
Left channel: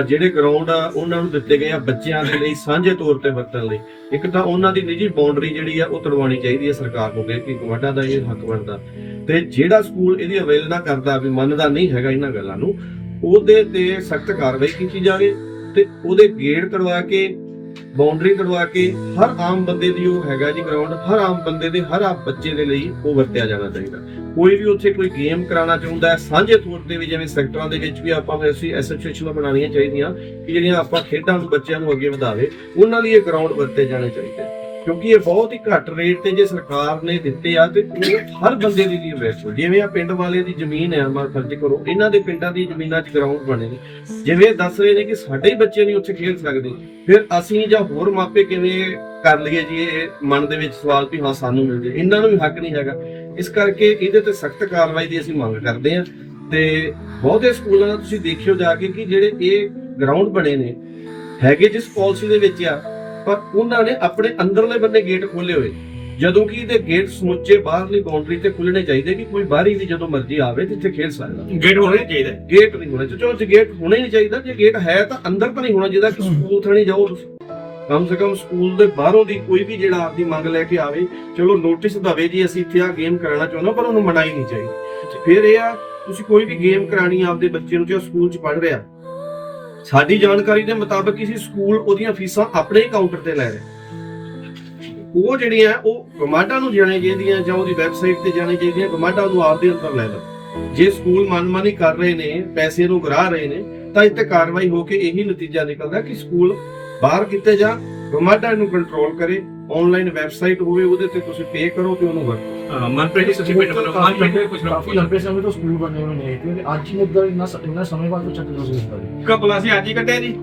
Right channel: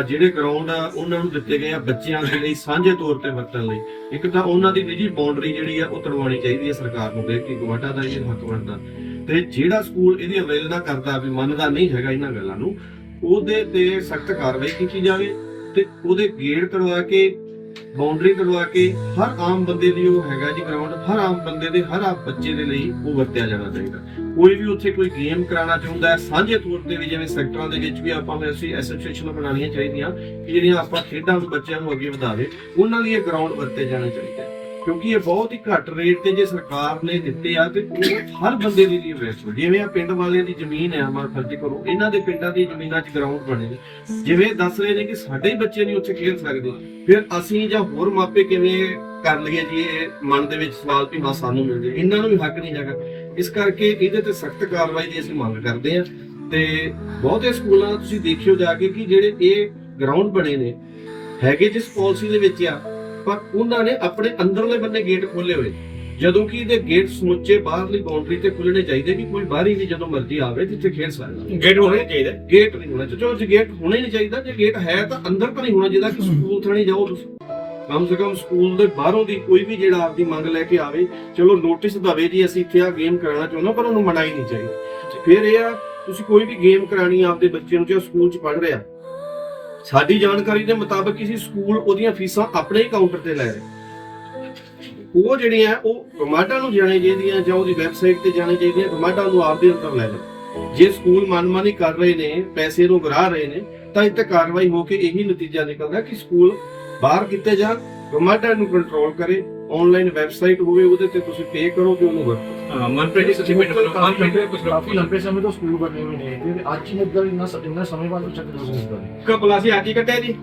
ਜਿਹੜੇ ਗਰਾਊਂਡ ਆ ਉਹਨਾਂ ਨੂੰ ਦਿੱਤੇ ਗਏ ਆ ਬੱਚਿਆਂ ਦੇ ਲਈ ਸਾਂਝੇ ਤੌਰ ਤੇ ਵਰਤਣ ਲਈ। ਇੱਕ ਤਾਂ ਉਹਨਾਂ ਦੀ ਨਿੱਜੀ ਬਾਉਂਡਰੀ ਜਿਹੜੀ ਆ ਉਹ ਤੜਵਾਉਣੀ ਚਾਹੀਦੀ ਹੈ ਸਰਕਾਰ ਨੂੰ ਕਿ ਗਵਾਟਾ ਦਾ ਇਹ ਹੱਕ ਬਣਦਾ। ਤੇ ਜਿਹੜਾ ਸਕੂਲ ਇਹਦੀ ਅਵੇਲਨਾ ਕਰਦਾ ਵੀ ਮੰਨਦਾ ਨਹੀਂ ਹੈਗਾ ਇਹਨਾਂ ਗੱਲਾਂ ਨੂੰ, ਉਹਦੇ ਤੇ ਸਖਤ ਕਾਰਵਾਈ ਕੀਤੀ ਜਾਵੇ ਤੇ ਉਹਦੇ ਗੇਟ ਕਰਵਾ ਕੇ ਬਾਉਂਡਰੀ ਕਰਵਾ ਕੇ ਹਰ ਆਮ ਬੰਦੇ ਦੀ ਉਹ ਹੈਗਾ ਜੀ ਗਰਾਊਂਡ ਹਰ ਆਮ ਬੰਦੇ ਦੇ, ਹਰ ਆਮ ਬੱਚੇ ਦੇ ਲਈ ਉਹ ਵਰਤਿਆ ਜਾਣਾ ਚਾਹੀਦਾ। ਕੋਈ ਵੀ ਉੱਥੇ ਕੋਈ ਗੇਮ ਕਰਾਉਣਾ ਚਾਹੁੰਦਾ ਸਾਂਝੇ ਤੌਰ ਤੇ ਵੀ ਜਿਵੇਂ ਸੈਕਟਰਾਂ ਦੇ ਵਿੱਚ ਵੀ ਆਪਾਂ ਨੂੰ ਐਸੀ ਐਸੋਸੀਏਸ਼ਨਾਂ ਬਣਾਉਣੀਆਂ ਚਾਹੀਦੀਆਂ ਕਿ ਜਿਹੜੀਆਂ ਆਪਾਂ ਖੇਡਾਂ ਨੂੰ ਬੱਚਿਆਂ ਨੂੰ ਅੱਗੇ ਵਧਾਵੇ, ਉਹਨਾਂ ਲਈ ਇਹ ਗਰਾਊਂਡ ਵਰਤੇ ਜਾਣੇ ਚਾਹੀਦੇ। ਕਿਉਂਕਿ ਇਹ ਬਹੁਤ ਹੀ ਘੱਟ ਰੇਟ ਤੇ ਜੇ ਸਰਕਾਰ ਨੇ ਦਿੱਤੇ ਆ ਤੇ ਉਹ ਹਰ ਬੰਦੇ ਦੇ ਲਈ ਵੇਸੋ ਜਿਵੇਂ ਆ ਪਿੰਡ ਵਾਲਿਆਂ ਦੀ ਜ਼ਮੀਨ ਹੈ ਮਾ ਫਰਜ਼ ਕਰੋ ਇਹਨਾਂ ਦੇ ਪਿੰਡਾਂ ਦੀ ਜ਼ਮੀਨਾਂ 'ਚ ਗਰਾਊਂਡ ਬਣੇ ਜਿਵੇਂ ਦੱਸ ਰਹੇ ਨੇ ਕਿ ਸਾਡੇ ਹੀ ਬੱਚੇ ਨਹੀਂ ਉੱਥੇ ਖੇਡ ਸਕਦੇ। ਫਿਰ ਅਸੀਂ ਜਾਂ ਹੋਰ ਮਾਪੇ ਕਿਵੇਂ ਕਰ ਲਈਏ ਜੀ, ਇਹ ਮਨ ਦੇ ਵਿੱਚ ਸਵਾਲ ਵੀ ਹਾਂ, ਸਾਨੂੰ ਮਿਲ ਜੇ। ਇਹਨਾਂ ਨੂੰ ਵੀ ਹੱਕ ਨਹੀਂ ਹੈਗਾ। ਇਸ ਕਰਕੇ ਇਹਦੇ ਤੇ ਸਖਤ ਕਾਰਵਾਈ ਦੀ ਅਸੀਂ ਮੰਗ ਕਰਦੇ ਹਾਂ। ਤੇ ਬਹੁਤੇ ਸਕੂਲਾਂ ਤੁਸੀਂ ਦੇਖਿਓ ਜਾ ਕੇ ਕਿ ਜਿਹੜੇ ਇਹ ਗਰਾਊਂਡ ਬਣੇ ਨੇ, ਹੈਗੇ ਜਿਸ ਪਾਲਿਸੀ ਦੇ ਵਿੱਚ ਆ ਪਰ ਉਹਨਾਂ ਨੇ ਆਪਣੇ ਅੰਦਰਲੇ ਬੰਨੇ ਗੇਟ ਖੋਲੇ ਹੋਏ। ਜਦੋਂ ਕਿ ਇਹਦੇ ਗੇਟ ਸਮੁੱਚੇ ਬਾਹਰਲੀ ਬਾਉਂਡਰੀ ਤੇ ਖੁੱਲਣੇ ਚਾਹੀਦੇ ਕਿ ਕੋਈ ਬਾਹਰੀ ਵੀ ਜਦੋਂ ਮਰਜ਼ੀ ਆਵੇ ਤੇ ਇੱਥੇ ਖੇਡ ਸਕਦਾ। ਗੇਟ ਹੋਣੇ ਚਾਹੀਦੇ। ਗੇਟ ਨਹੀਂ ਹੋਣਾ ਚਾਹੀਦਾ। ਜੇ ਗੇਟ ਹੋਣਾ ਨਹੀਂ ਚਾਹੀਦਾ ਜੇ ਗੇਟ ਹੈ ਤਾਂ ਅੰਦਰ ਤਾਂ ਨਹੀਂ ਹੋਣਾ ਚਾਹੀਦਾ ਕਿ ਸਕੂਲ ਥਣੀ ਜਾਓ ਤੁਸੀਂ। ਕਮ ਸੇ ਕਮ ਸਕੂਲ ਦੇ ਬਾਹਰੋਂ ਦੀ ਕੋਈ ਵੀ ਜਿਹੜਾ ਆਪਦੀ ਮੰਗ ਲੈ ਕੇ ਆਵੇ ਚਲੋ ਨੋਟਿਸ ਦਵੇ ਜੀ ਅਸੀਂ ਇੱਥੇ ਆ ਗੇਮ ਕਰਾਉਣਾ ਚਾਹੁੰਦਾ ਪਰ ਉਹਨੂੰ ਮਨਾਈ ਨਹੀਂ ਚਾਹੀਦੀ। ਫਿਰ ਇਹ ਆ ਤੁਸੀਂ ਕੋਈ ਵੀ ਗੇਮ ਕਰਾਣੀ ਆਪਦੇ ਬੱਚੇ ਨੂੰ ਜੋ ਸਕੂਲ 'ਚ ਪੜ੍ਹ ਰਿਹਾ ਸਾਡੀ ਜਾਣਕਾਰੀ ਦੇ ਮੁਤਾਬਕ ਕਿਸੇ ਸਕੂਲ ਉਹਦੀਆਂ ਫੀਸਾਂ ਆਪਣੇ ਹੀ ਕਾਊਂਟਰ ਤੇ ਲੈ ਰਿਹਾ ਉਹ ਜਿਹੜੀਆਂ ਉਹ ਗਮਾਡਾ ਨੂੰ ਜਾਣੇ ਚਾਹੀਦੀਆਂ ਜਾਂ ਉਹਦੀ ਵੈਬਸਾਈਟ ਤੇ ਜਾਣੇ ਚਾਹੀਦੀਆਂ ਗਮਾਡਾ ਨੂੰ ਆਪਦੇ ਅੰਦਰ ਲੈ ਲਓ। ਜੇ ਸਕੂਲ ਮਨਮਾਨੀ ਕਰ ਰਹੇ ਨੇ, ਪੈਸੇ ਨੂੰ ਗਰਾ ਰਹੇ ਨੇ, ਤਾਂ ਇੱਥੇ ਕਾਰਵਾਈ ਹੋ ਕੇ ਇਹੀ ਨਤੀਜਾ ਨਿਕਲਦਾ ਕਿ ਸਕੂਲ ਬਾਹਰ ਕੀਤੇ ਜਾਣ ਗਵਰਨਮੈਂਟ ਇਹਨੂੰ ਕੰਟਰੋਲ ਕਰੇ ਆਨਲਾਈਨ ਵੈਬਸਾਈਟ ਹੋਵੇ ਉਹਦੇ ਤੇ ਤੁਸੀਂ ਪੇ ਕਰੋ ਤੇ ਉਹਨੂੰ ਵਰਤੋ ਮਨਪ੍ਰੀਤ ਜੀ ਤੁਸੀਂ ਪਿੰਡ ਵੱਲੋਂ ਮਨਪ੍ਰੀਤ ਜੀ ਕੁਝ ਕਾਫੀ ਲੰਬੇ ਸਮੇਂ ਤੋਂ ਸਕੂਲ ਬਣੇ ਹੋਏ ਨੇ ਤੇ ਅੱਜ ਹੀ ਮੁੱਦਾ ਇੰਨਾ ਸ- ਇੰਨਾ ਸਮੇਂ ਬਾਅਦ ਉੱਚਾ ਪ੍ਰੋਸੈਸ ਬਣੇ ਕਪਲਾ ਸੀ ਅੱਜ ਹੀ ਕੱਟੇ ਜੀ।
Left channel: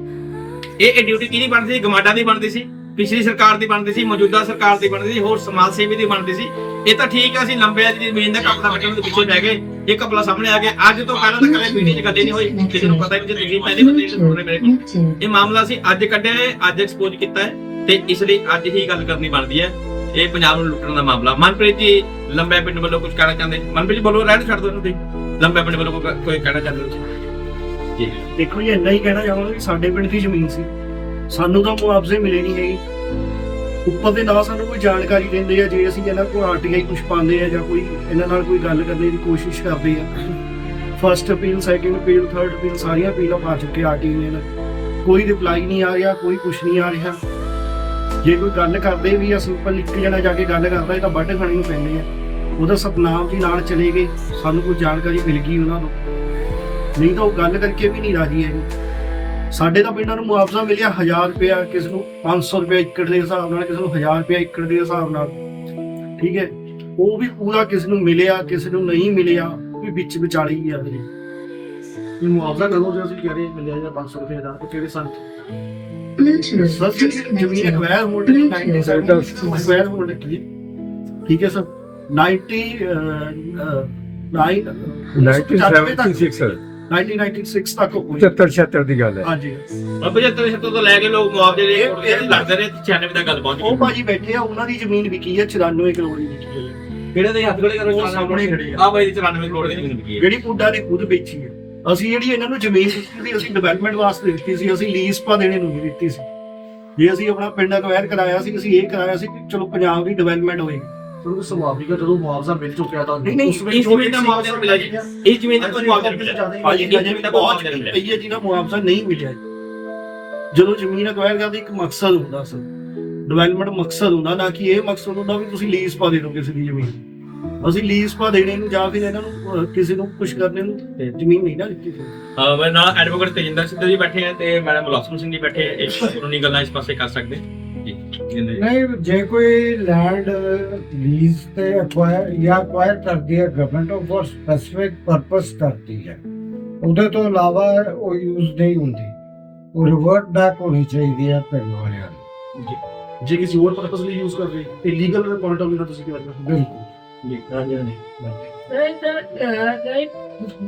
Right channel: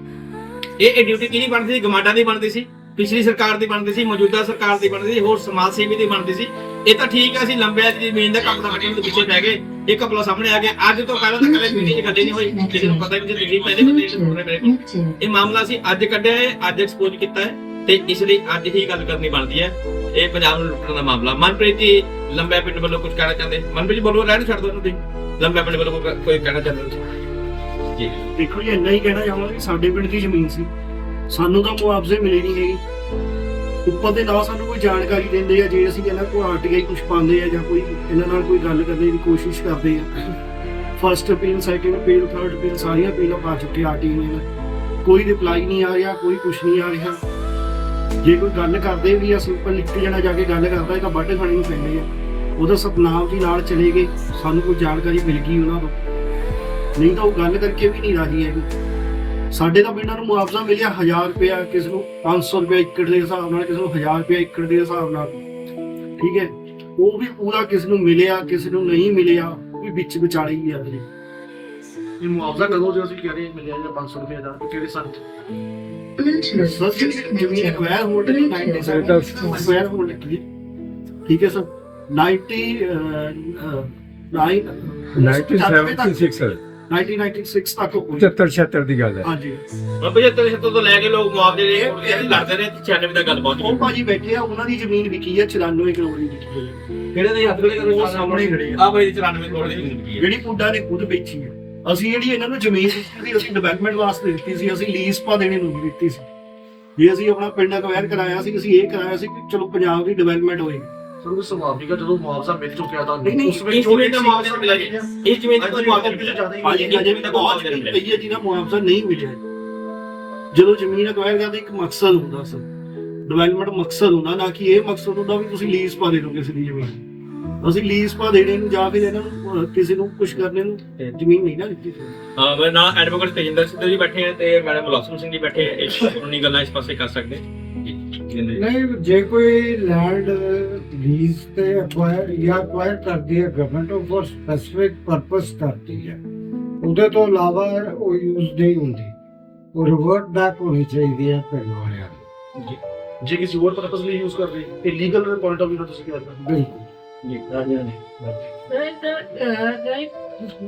ਇਹ ਇਹ ਡਿਊਟੀ ਕਿਹਦੀ ਬਣਦੀ ਸੀ? ਗਮਾਡਾ ਦੀ ਬਣਦੀ ਸੀ? ਪਿਛਲੀ ਸਰਕਾਰ ਦੀ ਬਣਦੀ ਸੀ, ਮੌਜੂਦਾ ਸਰਕਾਰ ਦੀ ਬਣਦੀ ਸੀ, ਹੋਰ ਸਮਾਜ ਸੇਵੀ ਦੀ ਬਣਦੀ ਸੀ। ਇਹ ਤਾਂ ਠੀਕ ਆ ਸੀ ਲੰਬੇ ਦੀ ਜ਼ਮੀਨ ਦਾ ਕਪਲਾ ਵੱਟਣ ਦੇ ਪਿੱਛੇ ਬਹਿ ਗਏ। ਇਹ ਕਪਲਾ ਸਾਹਮਣੇ ਆ ਗਿਆ। ਅੱਜ ਤੋਂ ਪਹਿਲਾਂ ਤਾਂ ਕਦੇ ਮੀਡੀਆ 'ਚ ਗੱਲੇ ਨਹੀਂ ਹੋਈ ਕਿਸੇ ਨੂੰ ਪਤਾ ਹੀ ਨਹੀਂ ਤੁਸੀਂ ਪਹਿਲੇ ਬੰਦੇ ਜਿਹੜੇ ਸੁਣ ਮੇਰੇ ਕੋਲ। ਇਹ ਮਾਮਲਾ ਸੀ ਅੱਜ ਕੱਢਿਆ ਹੈ, ਅੱਜ ਐਕਸਪੋਜ਼ ਕੀਤਾ ਹੈ ਤੇ ਇਸ ਲਈ ਅੱਜ ਹੀ ਗੱਲ ਕਰਨੀ ਬਣਦੀ ਹੈ। ਇਹ ਪੰਜਾਬ ਨੂੰ ਲੁੱਟਣ ਦਾ ਮਾਮਲਾ। ਮਨਪ੍ਰੀਤ ਜੀ, ਲੰਬੇ ਪਿੰਡ ਵੱਲੋਂ ਕੁਝ ਕਹਿਣਾ ਚਾਹੁੰਦੇ? ਮਨਪ੍ਰੀਤ ਜੀ, ਬੋਲੋ, ਰਹਿਣ ਛੱਡ ਦਿਓ ਤੁਸੀਂ। ਲੰਬੇ ਪਿੰਡ ਵੱਲੋਂ ਕੋਈ- ਕਹਿਣਾ ਚਾਹੁੰਦੇ? ਜੀ ਦੇਖੋ ਜੀ, ਇੰਨਾ ਹੀ ਕਹਿਣਾ ਚਾਹਾਂਗਾ ਕਿ ਸਾਡੇ ਪਿੰਡ ਦੀ ਜ਼ਮੀਨ ਸੀ। ਸਾਨੂੰ ਤਾਂ ਮੁਆਵਜ਼ੇ ਮਿਲੇ ਨਹੀਂ ਹੈਗੇ। ਉੱਪਰ ਦੇ ਨਾ ਸਾਨੂੰ ਕੋਈ ਜਾਣਕਾਰੀ ਦਿੰਦੇ ਆ, ਜੇ ਅਸੀਂ ਇਹਨਾਂ ਕੋਲ ਆਰਟੀਆਈ ਕੁਝ ਪਾਉਂਦੇ ਆ ਜਾਂ ਕੋਈ ਇਹਨਾਂ ਨਾਲ ਕੋਈ ਗੱਲ ਕਰਨ ਦੀ ਕੋਸ਼ਿਸ਼ ਕਰਦੇ ਆ। First appeal second appeal third appeal ਸਾਰੀਆਂ ਅਪੀਲਾਂ ਪਾ ਚੁੱਕੇ ਆਰਟੀਆਈ ਨੇ ਕੋਈ ਰਿਪਲਾਈ ਨਹੀਂ ਆ ਰਿਹਾ, ਕੋਈ ਕੁਝ ਨਹੀਂ ਆ ਰਿਹਾ। ਜੇ ਕੋਈ ਗੱਲ ਕਰਦੇ ਵੀ ਆ ਸਿੰਪਲ ਇੱਕ ਜਣਾ, ਜਾ ਕੇ ਗੱਲ ਕਰਦਾ ਤਾਂ ਵੱਢ ਖਾਣੀ ਨੂੰ ਪੈਂਦੇ ਆ। ਉਹਦਾ ਸਤਨਾਮ ਵੀ ਨਾਲ ਚਲੇ ਗਏ, ਸਾਨੂੰ ਕੋਈ ਜਾਣਕਾਰੀ ਮਿਲ ਗਈ ਉਹਨਾਂ ਤੋਂ। ਨਹੀਂ ਤਾਂ ਉਹ ਗੱਲ ਕਰਕੇ ਵੀ ਨਹੀਂ ਰਾਜੀ ਹੈਗੇ। ਸਾਡੇ ਤਾਂ ਪਿੰਡਾਂ ਨੂੰ ਮੁਆਵਜ਼ਾ ਮਿਲਿਆ 1000 ਰੁਪਇਆ ਕਿਸ ਨੂੰ 500 ਰੁਪਏ ਏਕੜ ਦੇ ਹਿਸਾਬ ਨਾਲ ਕਿਸ ਨੂੰ 1000 ਰੁਪਇਆ ਏਕੜ ਦੇ ਹਿਸਾਬ ਨਾਲ। ਠੀਕ ਹੈ? ਉਹ ਵੀ ਪੂਰਾ ਕਿਸ ਨੂੰ ਮਿਲਿਆ ਕਿਸ ਨੂੰ ਨਹੀਂ ਮਿਲਿਆ ਉਹ ਵੀ ਵਿੱਚ ਵਿਚਾਲੇ ਹੀ ਆ ਜੀ ਇਹ ਮੁਆਵਜ਼ਾ ਕਦੋਂ ਜੇ ਅਸੀਂ ਕਹਿ ਰਹੇ ਮਿਲਿਆ ਜਾਂ 500 ਰੁਪਏ ਦਾ ਕਿਹੜੇ ਸਾਲ ਸਰ ਜ਼ਮੀਨ ਐਕਵਾਇਰ ਦੀ 97 ਐਕਵਾਇਰ ਹੋਣ ਦੀ ਠੀਕ ਹੈ ਸਰ? 90 ਅਹ, ਅਹ, 1976 1996 ਤੱਕ ਹੋਈ। 75 76 ਦੀ ਗੱਲ ਹੈ। ਹਾਂਜੀ। ਅੱਬੇ ਜੇ ਤੇਰੇ ਤੋਂ ਲੈ ਕੇ ਲੋਕ ਮੁਆਵਜ਼ੇ ਦੇ ਇਹ- ਇਹ ਲੜਦੇ ਰਹੇ 96 ਤੱਕ ਗੱਲ ਪਹੁੰਚ ਉਹ ਭਾਜੀ ਬੈਠੇ ਆ ਉਹਨਾਂ ਦੀ ਜ਼ਮੀਨ ਵਿਕੀ ਹੈ 94 ਕਰੋੜ ਦੀ ਵਿਕੀ ਹੈ ਕਿਹੜੇ ਦੇ ਹੱਥ ਵੇਲੇ ਉਹ ਸਾਹਮਣੇ ਖੜੇ ਆ। ਆ ਬਾਈ 94 ਕਰੋੜ ਦੀ ਜ਼ਮੀਨ ਕੀ ਹੈ ਜਿਹੜੀ ਪੁੱਡਾ ਨੇ ਖੁਦ ਵੇਚੀ ਹੈ ਅਸੀਂ ਜਿਹੜੀ ਇਹਨਾਂ ਨੂੰ ਜ਼ਮੀਨ ਦਿੱਤੀ ਸੀ ਅਸੀਂ ਡਿਵੈਲਪਮੈਂਟ ਵਾਸਤੇ ਦਿੱਤੀ ਸੀ ਅਸੀਂ ਲੀਜ਼ ਪਾ ਦੇਣੇ ਨੂੰ ਨਹੀਂ ਦਿੱਤੀ ਸੀ। ਜੇ ਅਸੀਂ ਆਪਣਾ ਪਿੰਡ ਅਕਵਾਇਰ ਕਰਾਇਆ ਸੀ ਅਸੀਂ ਇਹ ਕਰਾਇਆ ਸੀ ਕਿ ਚਲੋ ਪੰਜਾਬ ਦੀ ਡਿਵੈਲਪਮੈਂਟ ਹੋਏਗੀ ਤੁਹਾਨੂੰ ਸੁਭਾਵਿਕ ਜਦੋਂ ਮੁਆਵਜ਼ਾ ਮਿਲ ਚੁੱਕਿਆ ਤਾਂ ਨਹੀਂ, ਨਹੀਂ, ਉਸ ਵੇਲੇ ਇਸ ਜ਼ਮੀਨ ਦਾ ਮੁਆਵਜ਼ਾ ਨਹੀਂ ਮਿਲਿਆ ਜੀ। ਇਸ ਜ਼ਮੀਨ ਦਾ ਕੋਈ ਮੁਆਵਜ਼ਾ ਨਹੀਂ ਮਿਲਿਆ। ਭਾਜੀ ਅਜੇ ਜ਼ਮੀਨ ਵੀ ਦਾ ਕੋਈ ਬਹੁਤ ਮੁਆਵਜ਼ਾ ਨਹੀਂ ਮਿਲਿਆ ਕਈ ਹੈ ਜਿਹਨਾਂ ਮੁਆਵਜ਼ਾ ਨਹੀਂ ਮਿਲਿਆ ਜਦੋਂ ਜ਼ਮੀਨ ਅਕਵਾਇਰ ਕਰਦੇ ਇੱਕ ਮਕਸਦ ਹੁੰਦਾ ਸੀ। ਡਿਵੈਲਪਮੈਂਟ ਮਕਸਦ ਹੁੰਦਾ ਨਾ ਕਿ ਇਹ ਮਕਸਦ ਹੁੰਦਾ ਵੀ ਤੁਸੀਂ ਲੀਜ਼ ਪਾ ਦੇ ਦਿਓ ਕਿਸੇ ਦੀ ਜ਼ਮੀਨ। ਅਸੀਂ ਲੀਜ਼ ਪਾ ਦੇਣੇ ਨੂੰ ਜਾਂ ਫਿਰ ਇਹਨਾਂ ਨੂੰ ਕਿਸੇ ਨੂੰ ਕੁਝ ਕਰਨੇ ਨੂੰ ਜ਼ਮੀਨ ਨਹੀਂ ਨਾ ਦਿੱਤੀ ਹਾਂ ਮੈਂ ਨਾ ਐਡਵੋਕੇਟ ਤੇਜਿੰਦਰ ਸਿੰਘ ਜੀ ਬੈਠੇ ਹੈ ਤੇ ਮੈਡਮ ਬਲੌਸਮ ਸਿੰਘ ਜੀ ਬੈਠੇ ਹੈ ਇਸ ਕਾਨੂੰਨੀ ਗੱਲਾਂ ਇਸ ਪਾਸੇ ਕਰ ਸਕਦੇ। ਜੀ ਨਹੀਂ ਜੇ ਕੋਈ ਲੈਂਡ ਲੀਜ਼ ਤੇ ਅਕਵਾਇਰ ਜਾਂ ਅਕਵਾਇਰ ਕਰਦੀ ਹੈ ਗਵਰਨਮੈਂਟ ਉਹ ਫॉर ਸਪੈਸਿਫਿਕ ਪਰਪਸ ਕਰਦੀ ਹੈ। ਉਹਦੇ ਤੋਂ ਇਲਾਵਾ ਉਹ ਯੂਜ਼ ਨਹੀਂ ਹੁੰਦੀ। ਉਹ ਰਿਵਰਟ ਬੈਕ ਹੋਣੀ ਚਾਹੀਦੀ ਹੈ ਪਿੰਡ ਵਾਲਿਆਂ ਨੂੰ। ਜੇ। ਕਿਸੇ ਹੋਰ ਪਰਪਸ ਲਈ ਯੂਜ਼ ਕਰਦੇ ਤੇ ਲੀਗਲ ਪੁਆਇੰਟ ਆਫ View ਤੋਂ ਤੁਸੀਂ ਕੀ ਕਰਦੇ ਬਿਲਕੁਲ। ਰਾਈਟ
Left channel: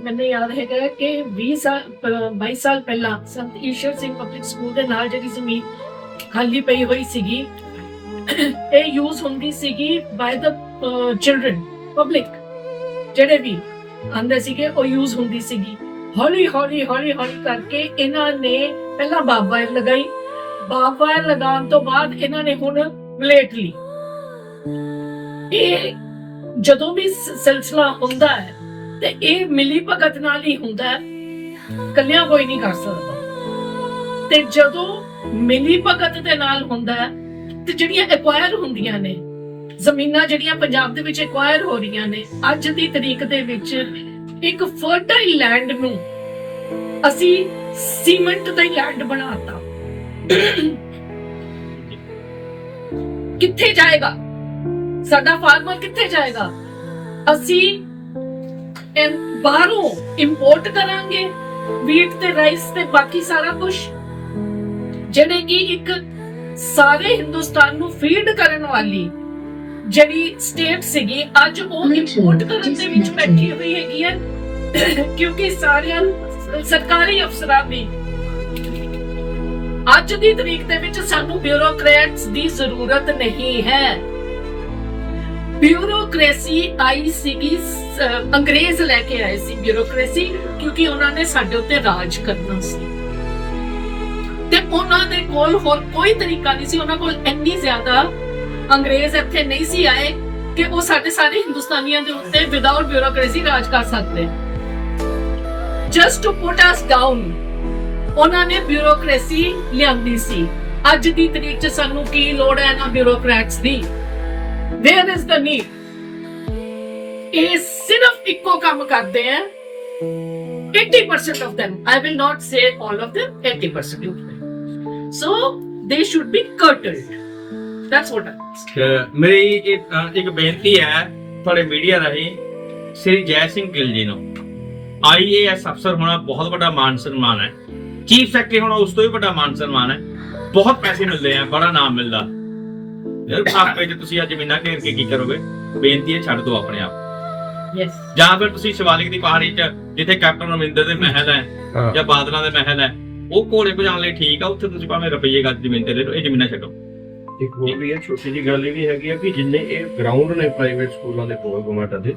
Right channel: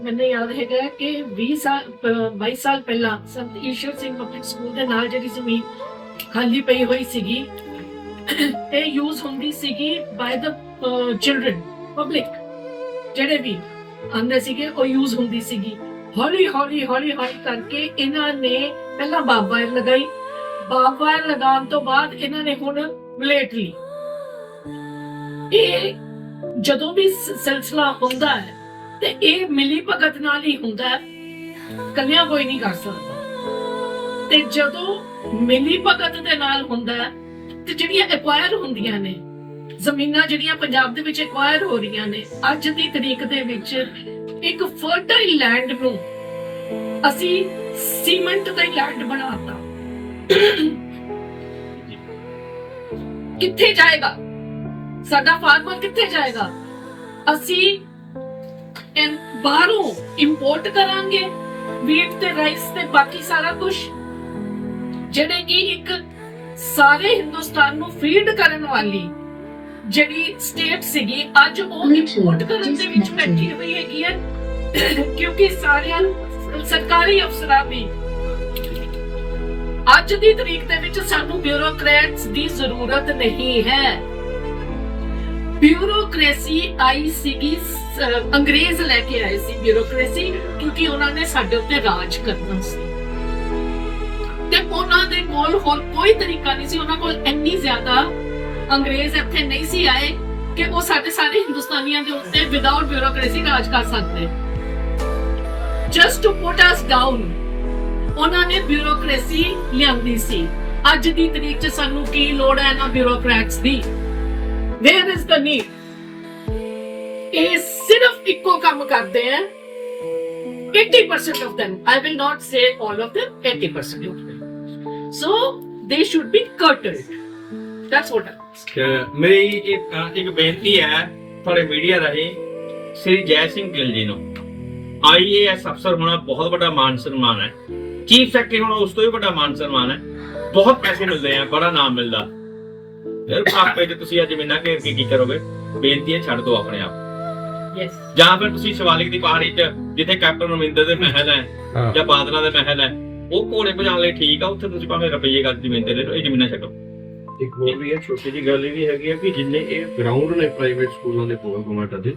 ਮੈਨੂੰ ਯਾਦ ਹੈਗਾ ਕਿ 20 ਸਾਲ ਅਹ 22 ਸਾਲ ਪਹਿਲਾਂ ਸੰਤ ਈਸ਼ਰ ਸਿੰਘ ਪਬਲਿਕ ਸਕੂਲ ਦੇ ਨਾਲ ਜਿਹੜੀ ਜ਼ਮੀਨ ਖਾਲੀ ਪਈ ਹੋਈ ਸੀਗੀ। ਇਹ ਯੂਜ਼ ਹੁੰਦੀ ਸੀਗੀ ਬਾਈ ਦਾ ਚਿਲड्रन ਪਬਲਿਕ ਜਿਹੜੇ ਵੀ ਅੰਦਰ ਸੀਗੇ, ਉਹ ਯੂਜ਼ ਹੁੰਦੀ ਸੀਗੀ। ਹੌਲੀ ਹੌਲੀ ਹੌਲੀ ਹੌਲੀ ਕਰਕੇ ਇਹਨਾਂ ਨੇ ਪਹਿਲਾਂ ਬਾਬਾ ਲਗਾਈ। ਬਾਬਾ ਲਗਾਉਣ ਤੋਂ ਬਾਅਦ ਇਹਨਾਂ ਨੇ ਹੁਣ ਬਲੇਟ ਲਈ। ਇਹ ਜਦੋਂ ਵੀ ਸਿਲਸਿਲਾ ਹੁੰਦਾ ਹੈ, ਤੇ ਇਹ ਮਿਲੀ ਭਗਤ ਨਾਲ ਹੀ ਹੁੰਦਾ ਹੈ। ਕੱਲਿਆਂ ਕੋਈ ਨਹੀਂ ਕਰ ਸਕਦਾ। ਤੇ ਜਦੋਂ ਮਿਲੀ ਭਗਤ ਦੇ ਨਾਲ ਹੁੰਦਾ ਹੈ, ਤੇ ਜਿਹੜੀਆਂ ਐਕਵਾਇਰ ਹੁੰਦੀਆਂ ਨੇ, ਜ਼ਮੀਨਾਂ ਜਿਹੜੀਆਂ ਪੰਜਾਬ ਦੇ ਵਿੱਚ ਐਕਵਾਇਰ ਹੋ ਰਹੀਆਂ ਨੇ, ਅੱਜ ਦੀ ਤਰੀਕ ਦੇ ਵਿੱਚ ਇੱਕ ਫਰਟਾਈਲ ਲੈਂਡ ਨੂੰ ਅਸੀਂ ਸੀਮੈਂਟ ਦਾ ਲੈਂਡ ਬਣਾਤਾ। ਕਿੱਥੇ ਜਾਏਗਾ? ਸਾਡਾ ਫਾਰਮਰ ਕਿੱਥੇ ਜਾਏਗਾ? ਅਸੀਂ ਬਾਹਰੋਂ ਇੰਪੋਰਟ ਕਰਾਂਗੇ ਵੀਟ ਤੇ ਰਾਈਸ ਤੇ ਬਾਕੀ ਸਾਰਾ ਕੁਝ ਜਿਹੜੇ ਕਿ ਇੱਕ ਸਾਰੇ ਹਿੰਦੁਸਤਾਨ ਨੂੰ ਫੀਡ ਕਰਨ ਵਾਲੀ ਜਿਹੜੀ ਸਟੇਟ ਸੀਗੀ ਅੱਜ ਉਹ ਇੰਪੋਰਟ ਕਰਨ ਦੇ ਵਿੱਚ ਬੈਠੀ ਹੋਈ ਹੈਗੀ ਹੈ। ਕਿਉਂਕਿ ਸਾਰਿਆਂ ਸਰਕਾਰੀ ਅਫਸਰਾਂ ਦੀ ਅੱਜ ਦੀ ਤਰੀਕ ਦੇ ਵਿੱਚ ਸਾਨੂੰ ਬਿਊਰੋਕਰੇਟਸ ਦੀ ਜ਼ਰੂਰਤ ਨਹੀਂ ਹੈ। ਬਿਊਰੋਕ੍ਰੇਸੀ ਆਈ ਸੀਗੀ ਅੰਗਰੇਜ਼ ਲੈ ਕੇ ਆਏ ਸੀ ਬਿਊਰੋਕ੍ਰੇਸੀ ਕਿਉਂਕਿ ਉਹਨਾਂ ਨੇ ਸਾਡੇ ਉੱਤੇ ਰਾਜ ਕਰਨਾ ਸੀ। ਉਹਨਾਂ ਦੇ ਕੋਲ ਹੋਰ ਕੋਈ ਤਰੀਕਾ ਨਹੀਂ ਸੀ, ਉਹਨਾਂ ਕੋਲ ਇੰਨੀ ਜ਼ਿਆਦਾ ਅੰਗਰੇਜ਼ ਇੱਥੇ ਨਹੀਂ ਸੀ ਆਏ ਕਿ ਉਹ ਸਾਡੇ ਸਾਰੇ ਹਿੰਦੁਸਤਾਨੀਆਂ ਦੇ ਉੱਤੇ ਵਿਦਆਊਟ ਬਿਊਰੋਕ੍ਰੇਸੀ ਰਾਜ ਕਰ ਸਕਦੇ। Just to put us down ਉਹਨਾਂ ਨੇ ਬਿਊਰੋਕ੍ਰੇਸੀ ਲਿਆਂਦੀ ਸੀ। ਅੱਜ ਦੀ ਤਰੀਕ 'ਚ ਸਾਨੂੰ ਕੀ ਲੋੜ ਹੈ ਇਹਨਾਂ ਬਿਊਰੋਕਰੈਟਸ ਦੀ? ਵੇਅਰ ਇਜ਼ ਦ ਨੀਡ ਇਹ ਸਿਰਫ ਇੱਕੋ ਕੰਮ ਕਰਦੇ ਆ 80% of them, i will not say all of them 80% of them so they should be curtailed. That's what I ਤੇ ਮੇਰੀ ਇੱਕ ਅ, ਇੱਕ ਬੇਨਤੀ ਹੈ ਤੁਹਾਡੇ ਮੀਡੀਆ ਰਾਹੀਂ ਸ੍ਰੀ ਜੈ ਸਿੰਘ ਗਿੱਲ ਜੀ ਨੂੰ। ਆਈਏਐਸ ਅਫਸਰ ਹੋਣਾ ਬਹੁਤ ਵੱਡਾ ਮਾਨ ਸਨਮਾਨ ਹੈ। ਚੀਫ ਸੈਕਟਰੀ ਹੋਣਾ ਉਸ ਤੋਂ ਵੀ ਵੱਡਾ ਮਾਨ ਸਨਮਾਨ ਹੈ। ਬਹੁਤ ਪੈਸੇ ਮਿਲਦੇ ਆ ਬੜਾ ਨਾਮ ਮਿਲਦਾ। ਯਾਰ ਆਪੇ ਜੇ ਤੁਸੀਂ ਅੱਜ ਜ਼ਮੀਨਾਂ ਘੇਰ ਕੇ ਕੀ ਕਰੋਗੇ? ਬੇਨਤੀ ਹੈ ਛੱਡ ਦਿਓ ਆਪਣੇ ਆਪ। Yes. ਜਾਂ ਫਿਰ ਤੁਸੀਂ ਸ਼ਿਵਾਲਿਕ ਦੀ ਪਹਾੜੀ 'ਚ ਜਿੱਥੇ ਕੈਪਟਨ ਅਮਰਿੰਦਰ ਦੇ ਮਹਿਲ ਹੈ ਹਾਂ। ਜਾਂ ਬਾਦਲਾਂ ਦੇ ਮਹਿਲ ਹੈ ਉਹ ਘੋੜੇ ਭਜਾਉਣ ਲਈ ਠੀਕ ਆ, ਉੱਥੇ ਤੁਸੀਂ ਭਾਵੇਂ ਰੁਪਈਏ ਗੱਜ ਜ਼ਮੀਨ ਤੇ ਲੈ ਲਓ, ਇਹ ਜ਼ਮੀਨਾਂ ਛੱਡੋ। ਇੱਕ ਹੋਰ ਵੀ ਹੈ, ਛੋਟੀ ਜਿਹੀ ਗੱਲ ਇਹ ਵੀ ਹੈਗੀ ਹੈ ਕਿ ਜਿੰਨੇ ਇਹ ਗਰਾਊਂਡ ਨੇ ਪ੍ਰਾਈਵੇਟ ਸਕੂਲਾਂ ਦੇ ਕੋਲ ਗਵਰਨਮੈਂਟ ਦੇ,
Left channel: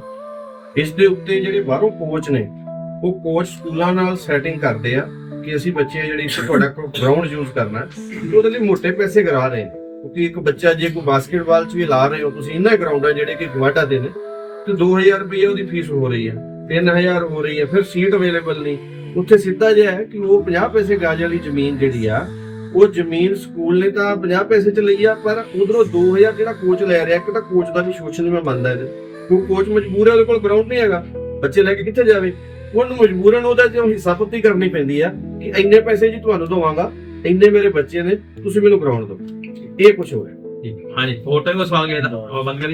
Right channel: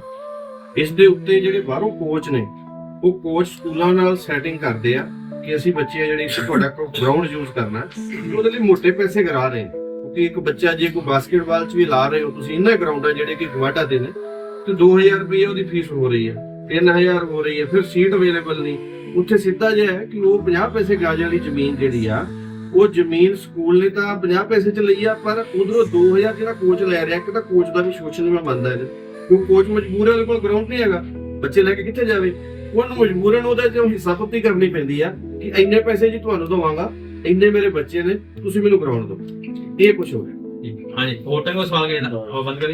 ਇਸ ਦੇ ਉੱਤੇ ਜਿਹੜੇ ਬਾਹਰੋਂ ਕੋਚ ਨੇ, ਉਹ ਕੋਚ ਸਕੂਲਾਂ ਨਾਲ ਸੈਟਿੰਗ ਕਰਦੇ ਆ ਕਿ ਅਸੀਂ ਬੱਚੇ ਜਿਹੜੇ ਤੁਹਾਡਾ ਗਰਾਊਂਡ ਯੂਜ਼ ਕਰਨਾ ਉਹਦੇ ਲਈ ਮੋٹے ਪੈਸੇ ਕਰਾ ਰਹੇ ਨੇ। ਕਿਉਂਕਿ ਇੱਕ ਬੱਚਾ ਜੇ ਕੋਈ ਬਾਸਕਟਬਾਲ 'ਚ ਵੀ ਲਾ ਰਹੇ ਹੋ, ਤੁਸੀਂ ਇਹਨਾਂ ਗਰਾਊਂਡਾਂ ਜਿਹੜੇ ਕਿ ਗਵਾਟਾ ਦੇ ਨੇ, ਤੇ 2000 ਰੁਪਏ ਉਹਦੀ ਫੀਸ ਹੋ ਰਹੀ ਹੈ 3000 ਹੋ ਰਹੀ ਹੈ, ਫਿਰ ਸੀਟ ਅਵੇਲੇਬਲ ਨਹੀਂ। ਉੱਥੇ ਸਿੱਧਾ ਜਿਹਾ ਹੈ ਕਿ ਉਹ 50 ਪੈਸੇ ਗਾਜ ਵਾਲੀ ਜ਼ਮੀਨ ਜਿਹੜੀ ਆ ਉਹ ਜ਼ਮੀਨ ਸਕੂਲ ਨੇ ਤਾਂ 50 ਪੈਸੇ ਚ ਲਈ ਆ ਪਰ ਉਧਰੋਂ 2000 ਜਿਹੜਾ ਕੋਚ ਲੈ ਰਿਹਾ ਇੱਕ ਤਾਂ ਕੋਚ ਦਾ ਵੀ ਸ਼ੋਸ਼ਣ ਮੈਂ ਮੰਨਦਾ ਇਹਦੇ ਕਿਉਂ ਕੋਚ ਮਜਬੂਰ ਹੈ ਉਹਦੇ ਕੋਲ ਗਰਾਊਂਡ ਨਹੀਂ ਹੈਗਾ ਬੱਚੇ ਲੈ ਕੇ ਕਿੱਥੇ ਜਾਵੇ? ਉਹਨੂੰ ਮਜਬੂਰਨ ਉਹਦਾ ਜਿਉਂ ਹਿੱਸਾ ਪੱਤੀ ਕਰਨੀ ਪੈਂਦੀ ਆ ਕਿ ਇੰਨੇ ਪੈਸੇ ਜੀ ਤੁਹਾਨੂੰ ਦਵਾਂਗਾ ਇੰਨੇ ਮੇਰੇ ਬੱਚੇ ਨੇ ਤੁਸੀਂ ਮੈਨੂੰ ਗਰਾਊਂਡ ਦਿਓ। ਇਹ ਕੁਝ ਹੋ ਰਿਹਾ ਹਾਂਜੀ ਹੋਰ ਤਾਂ ਕੋਈ ਸਵਾਲ ਗਿਆ ਉਹ ਬੰਦ ਕਰੀ।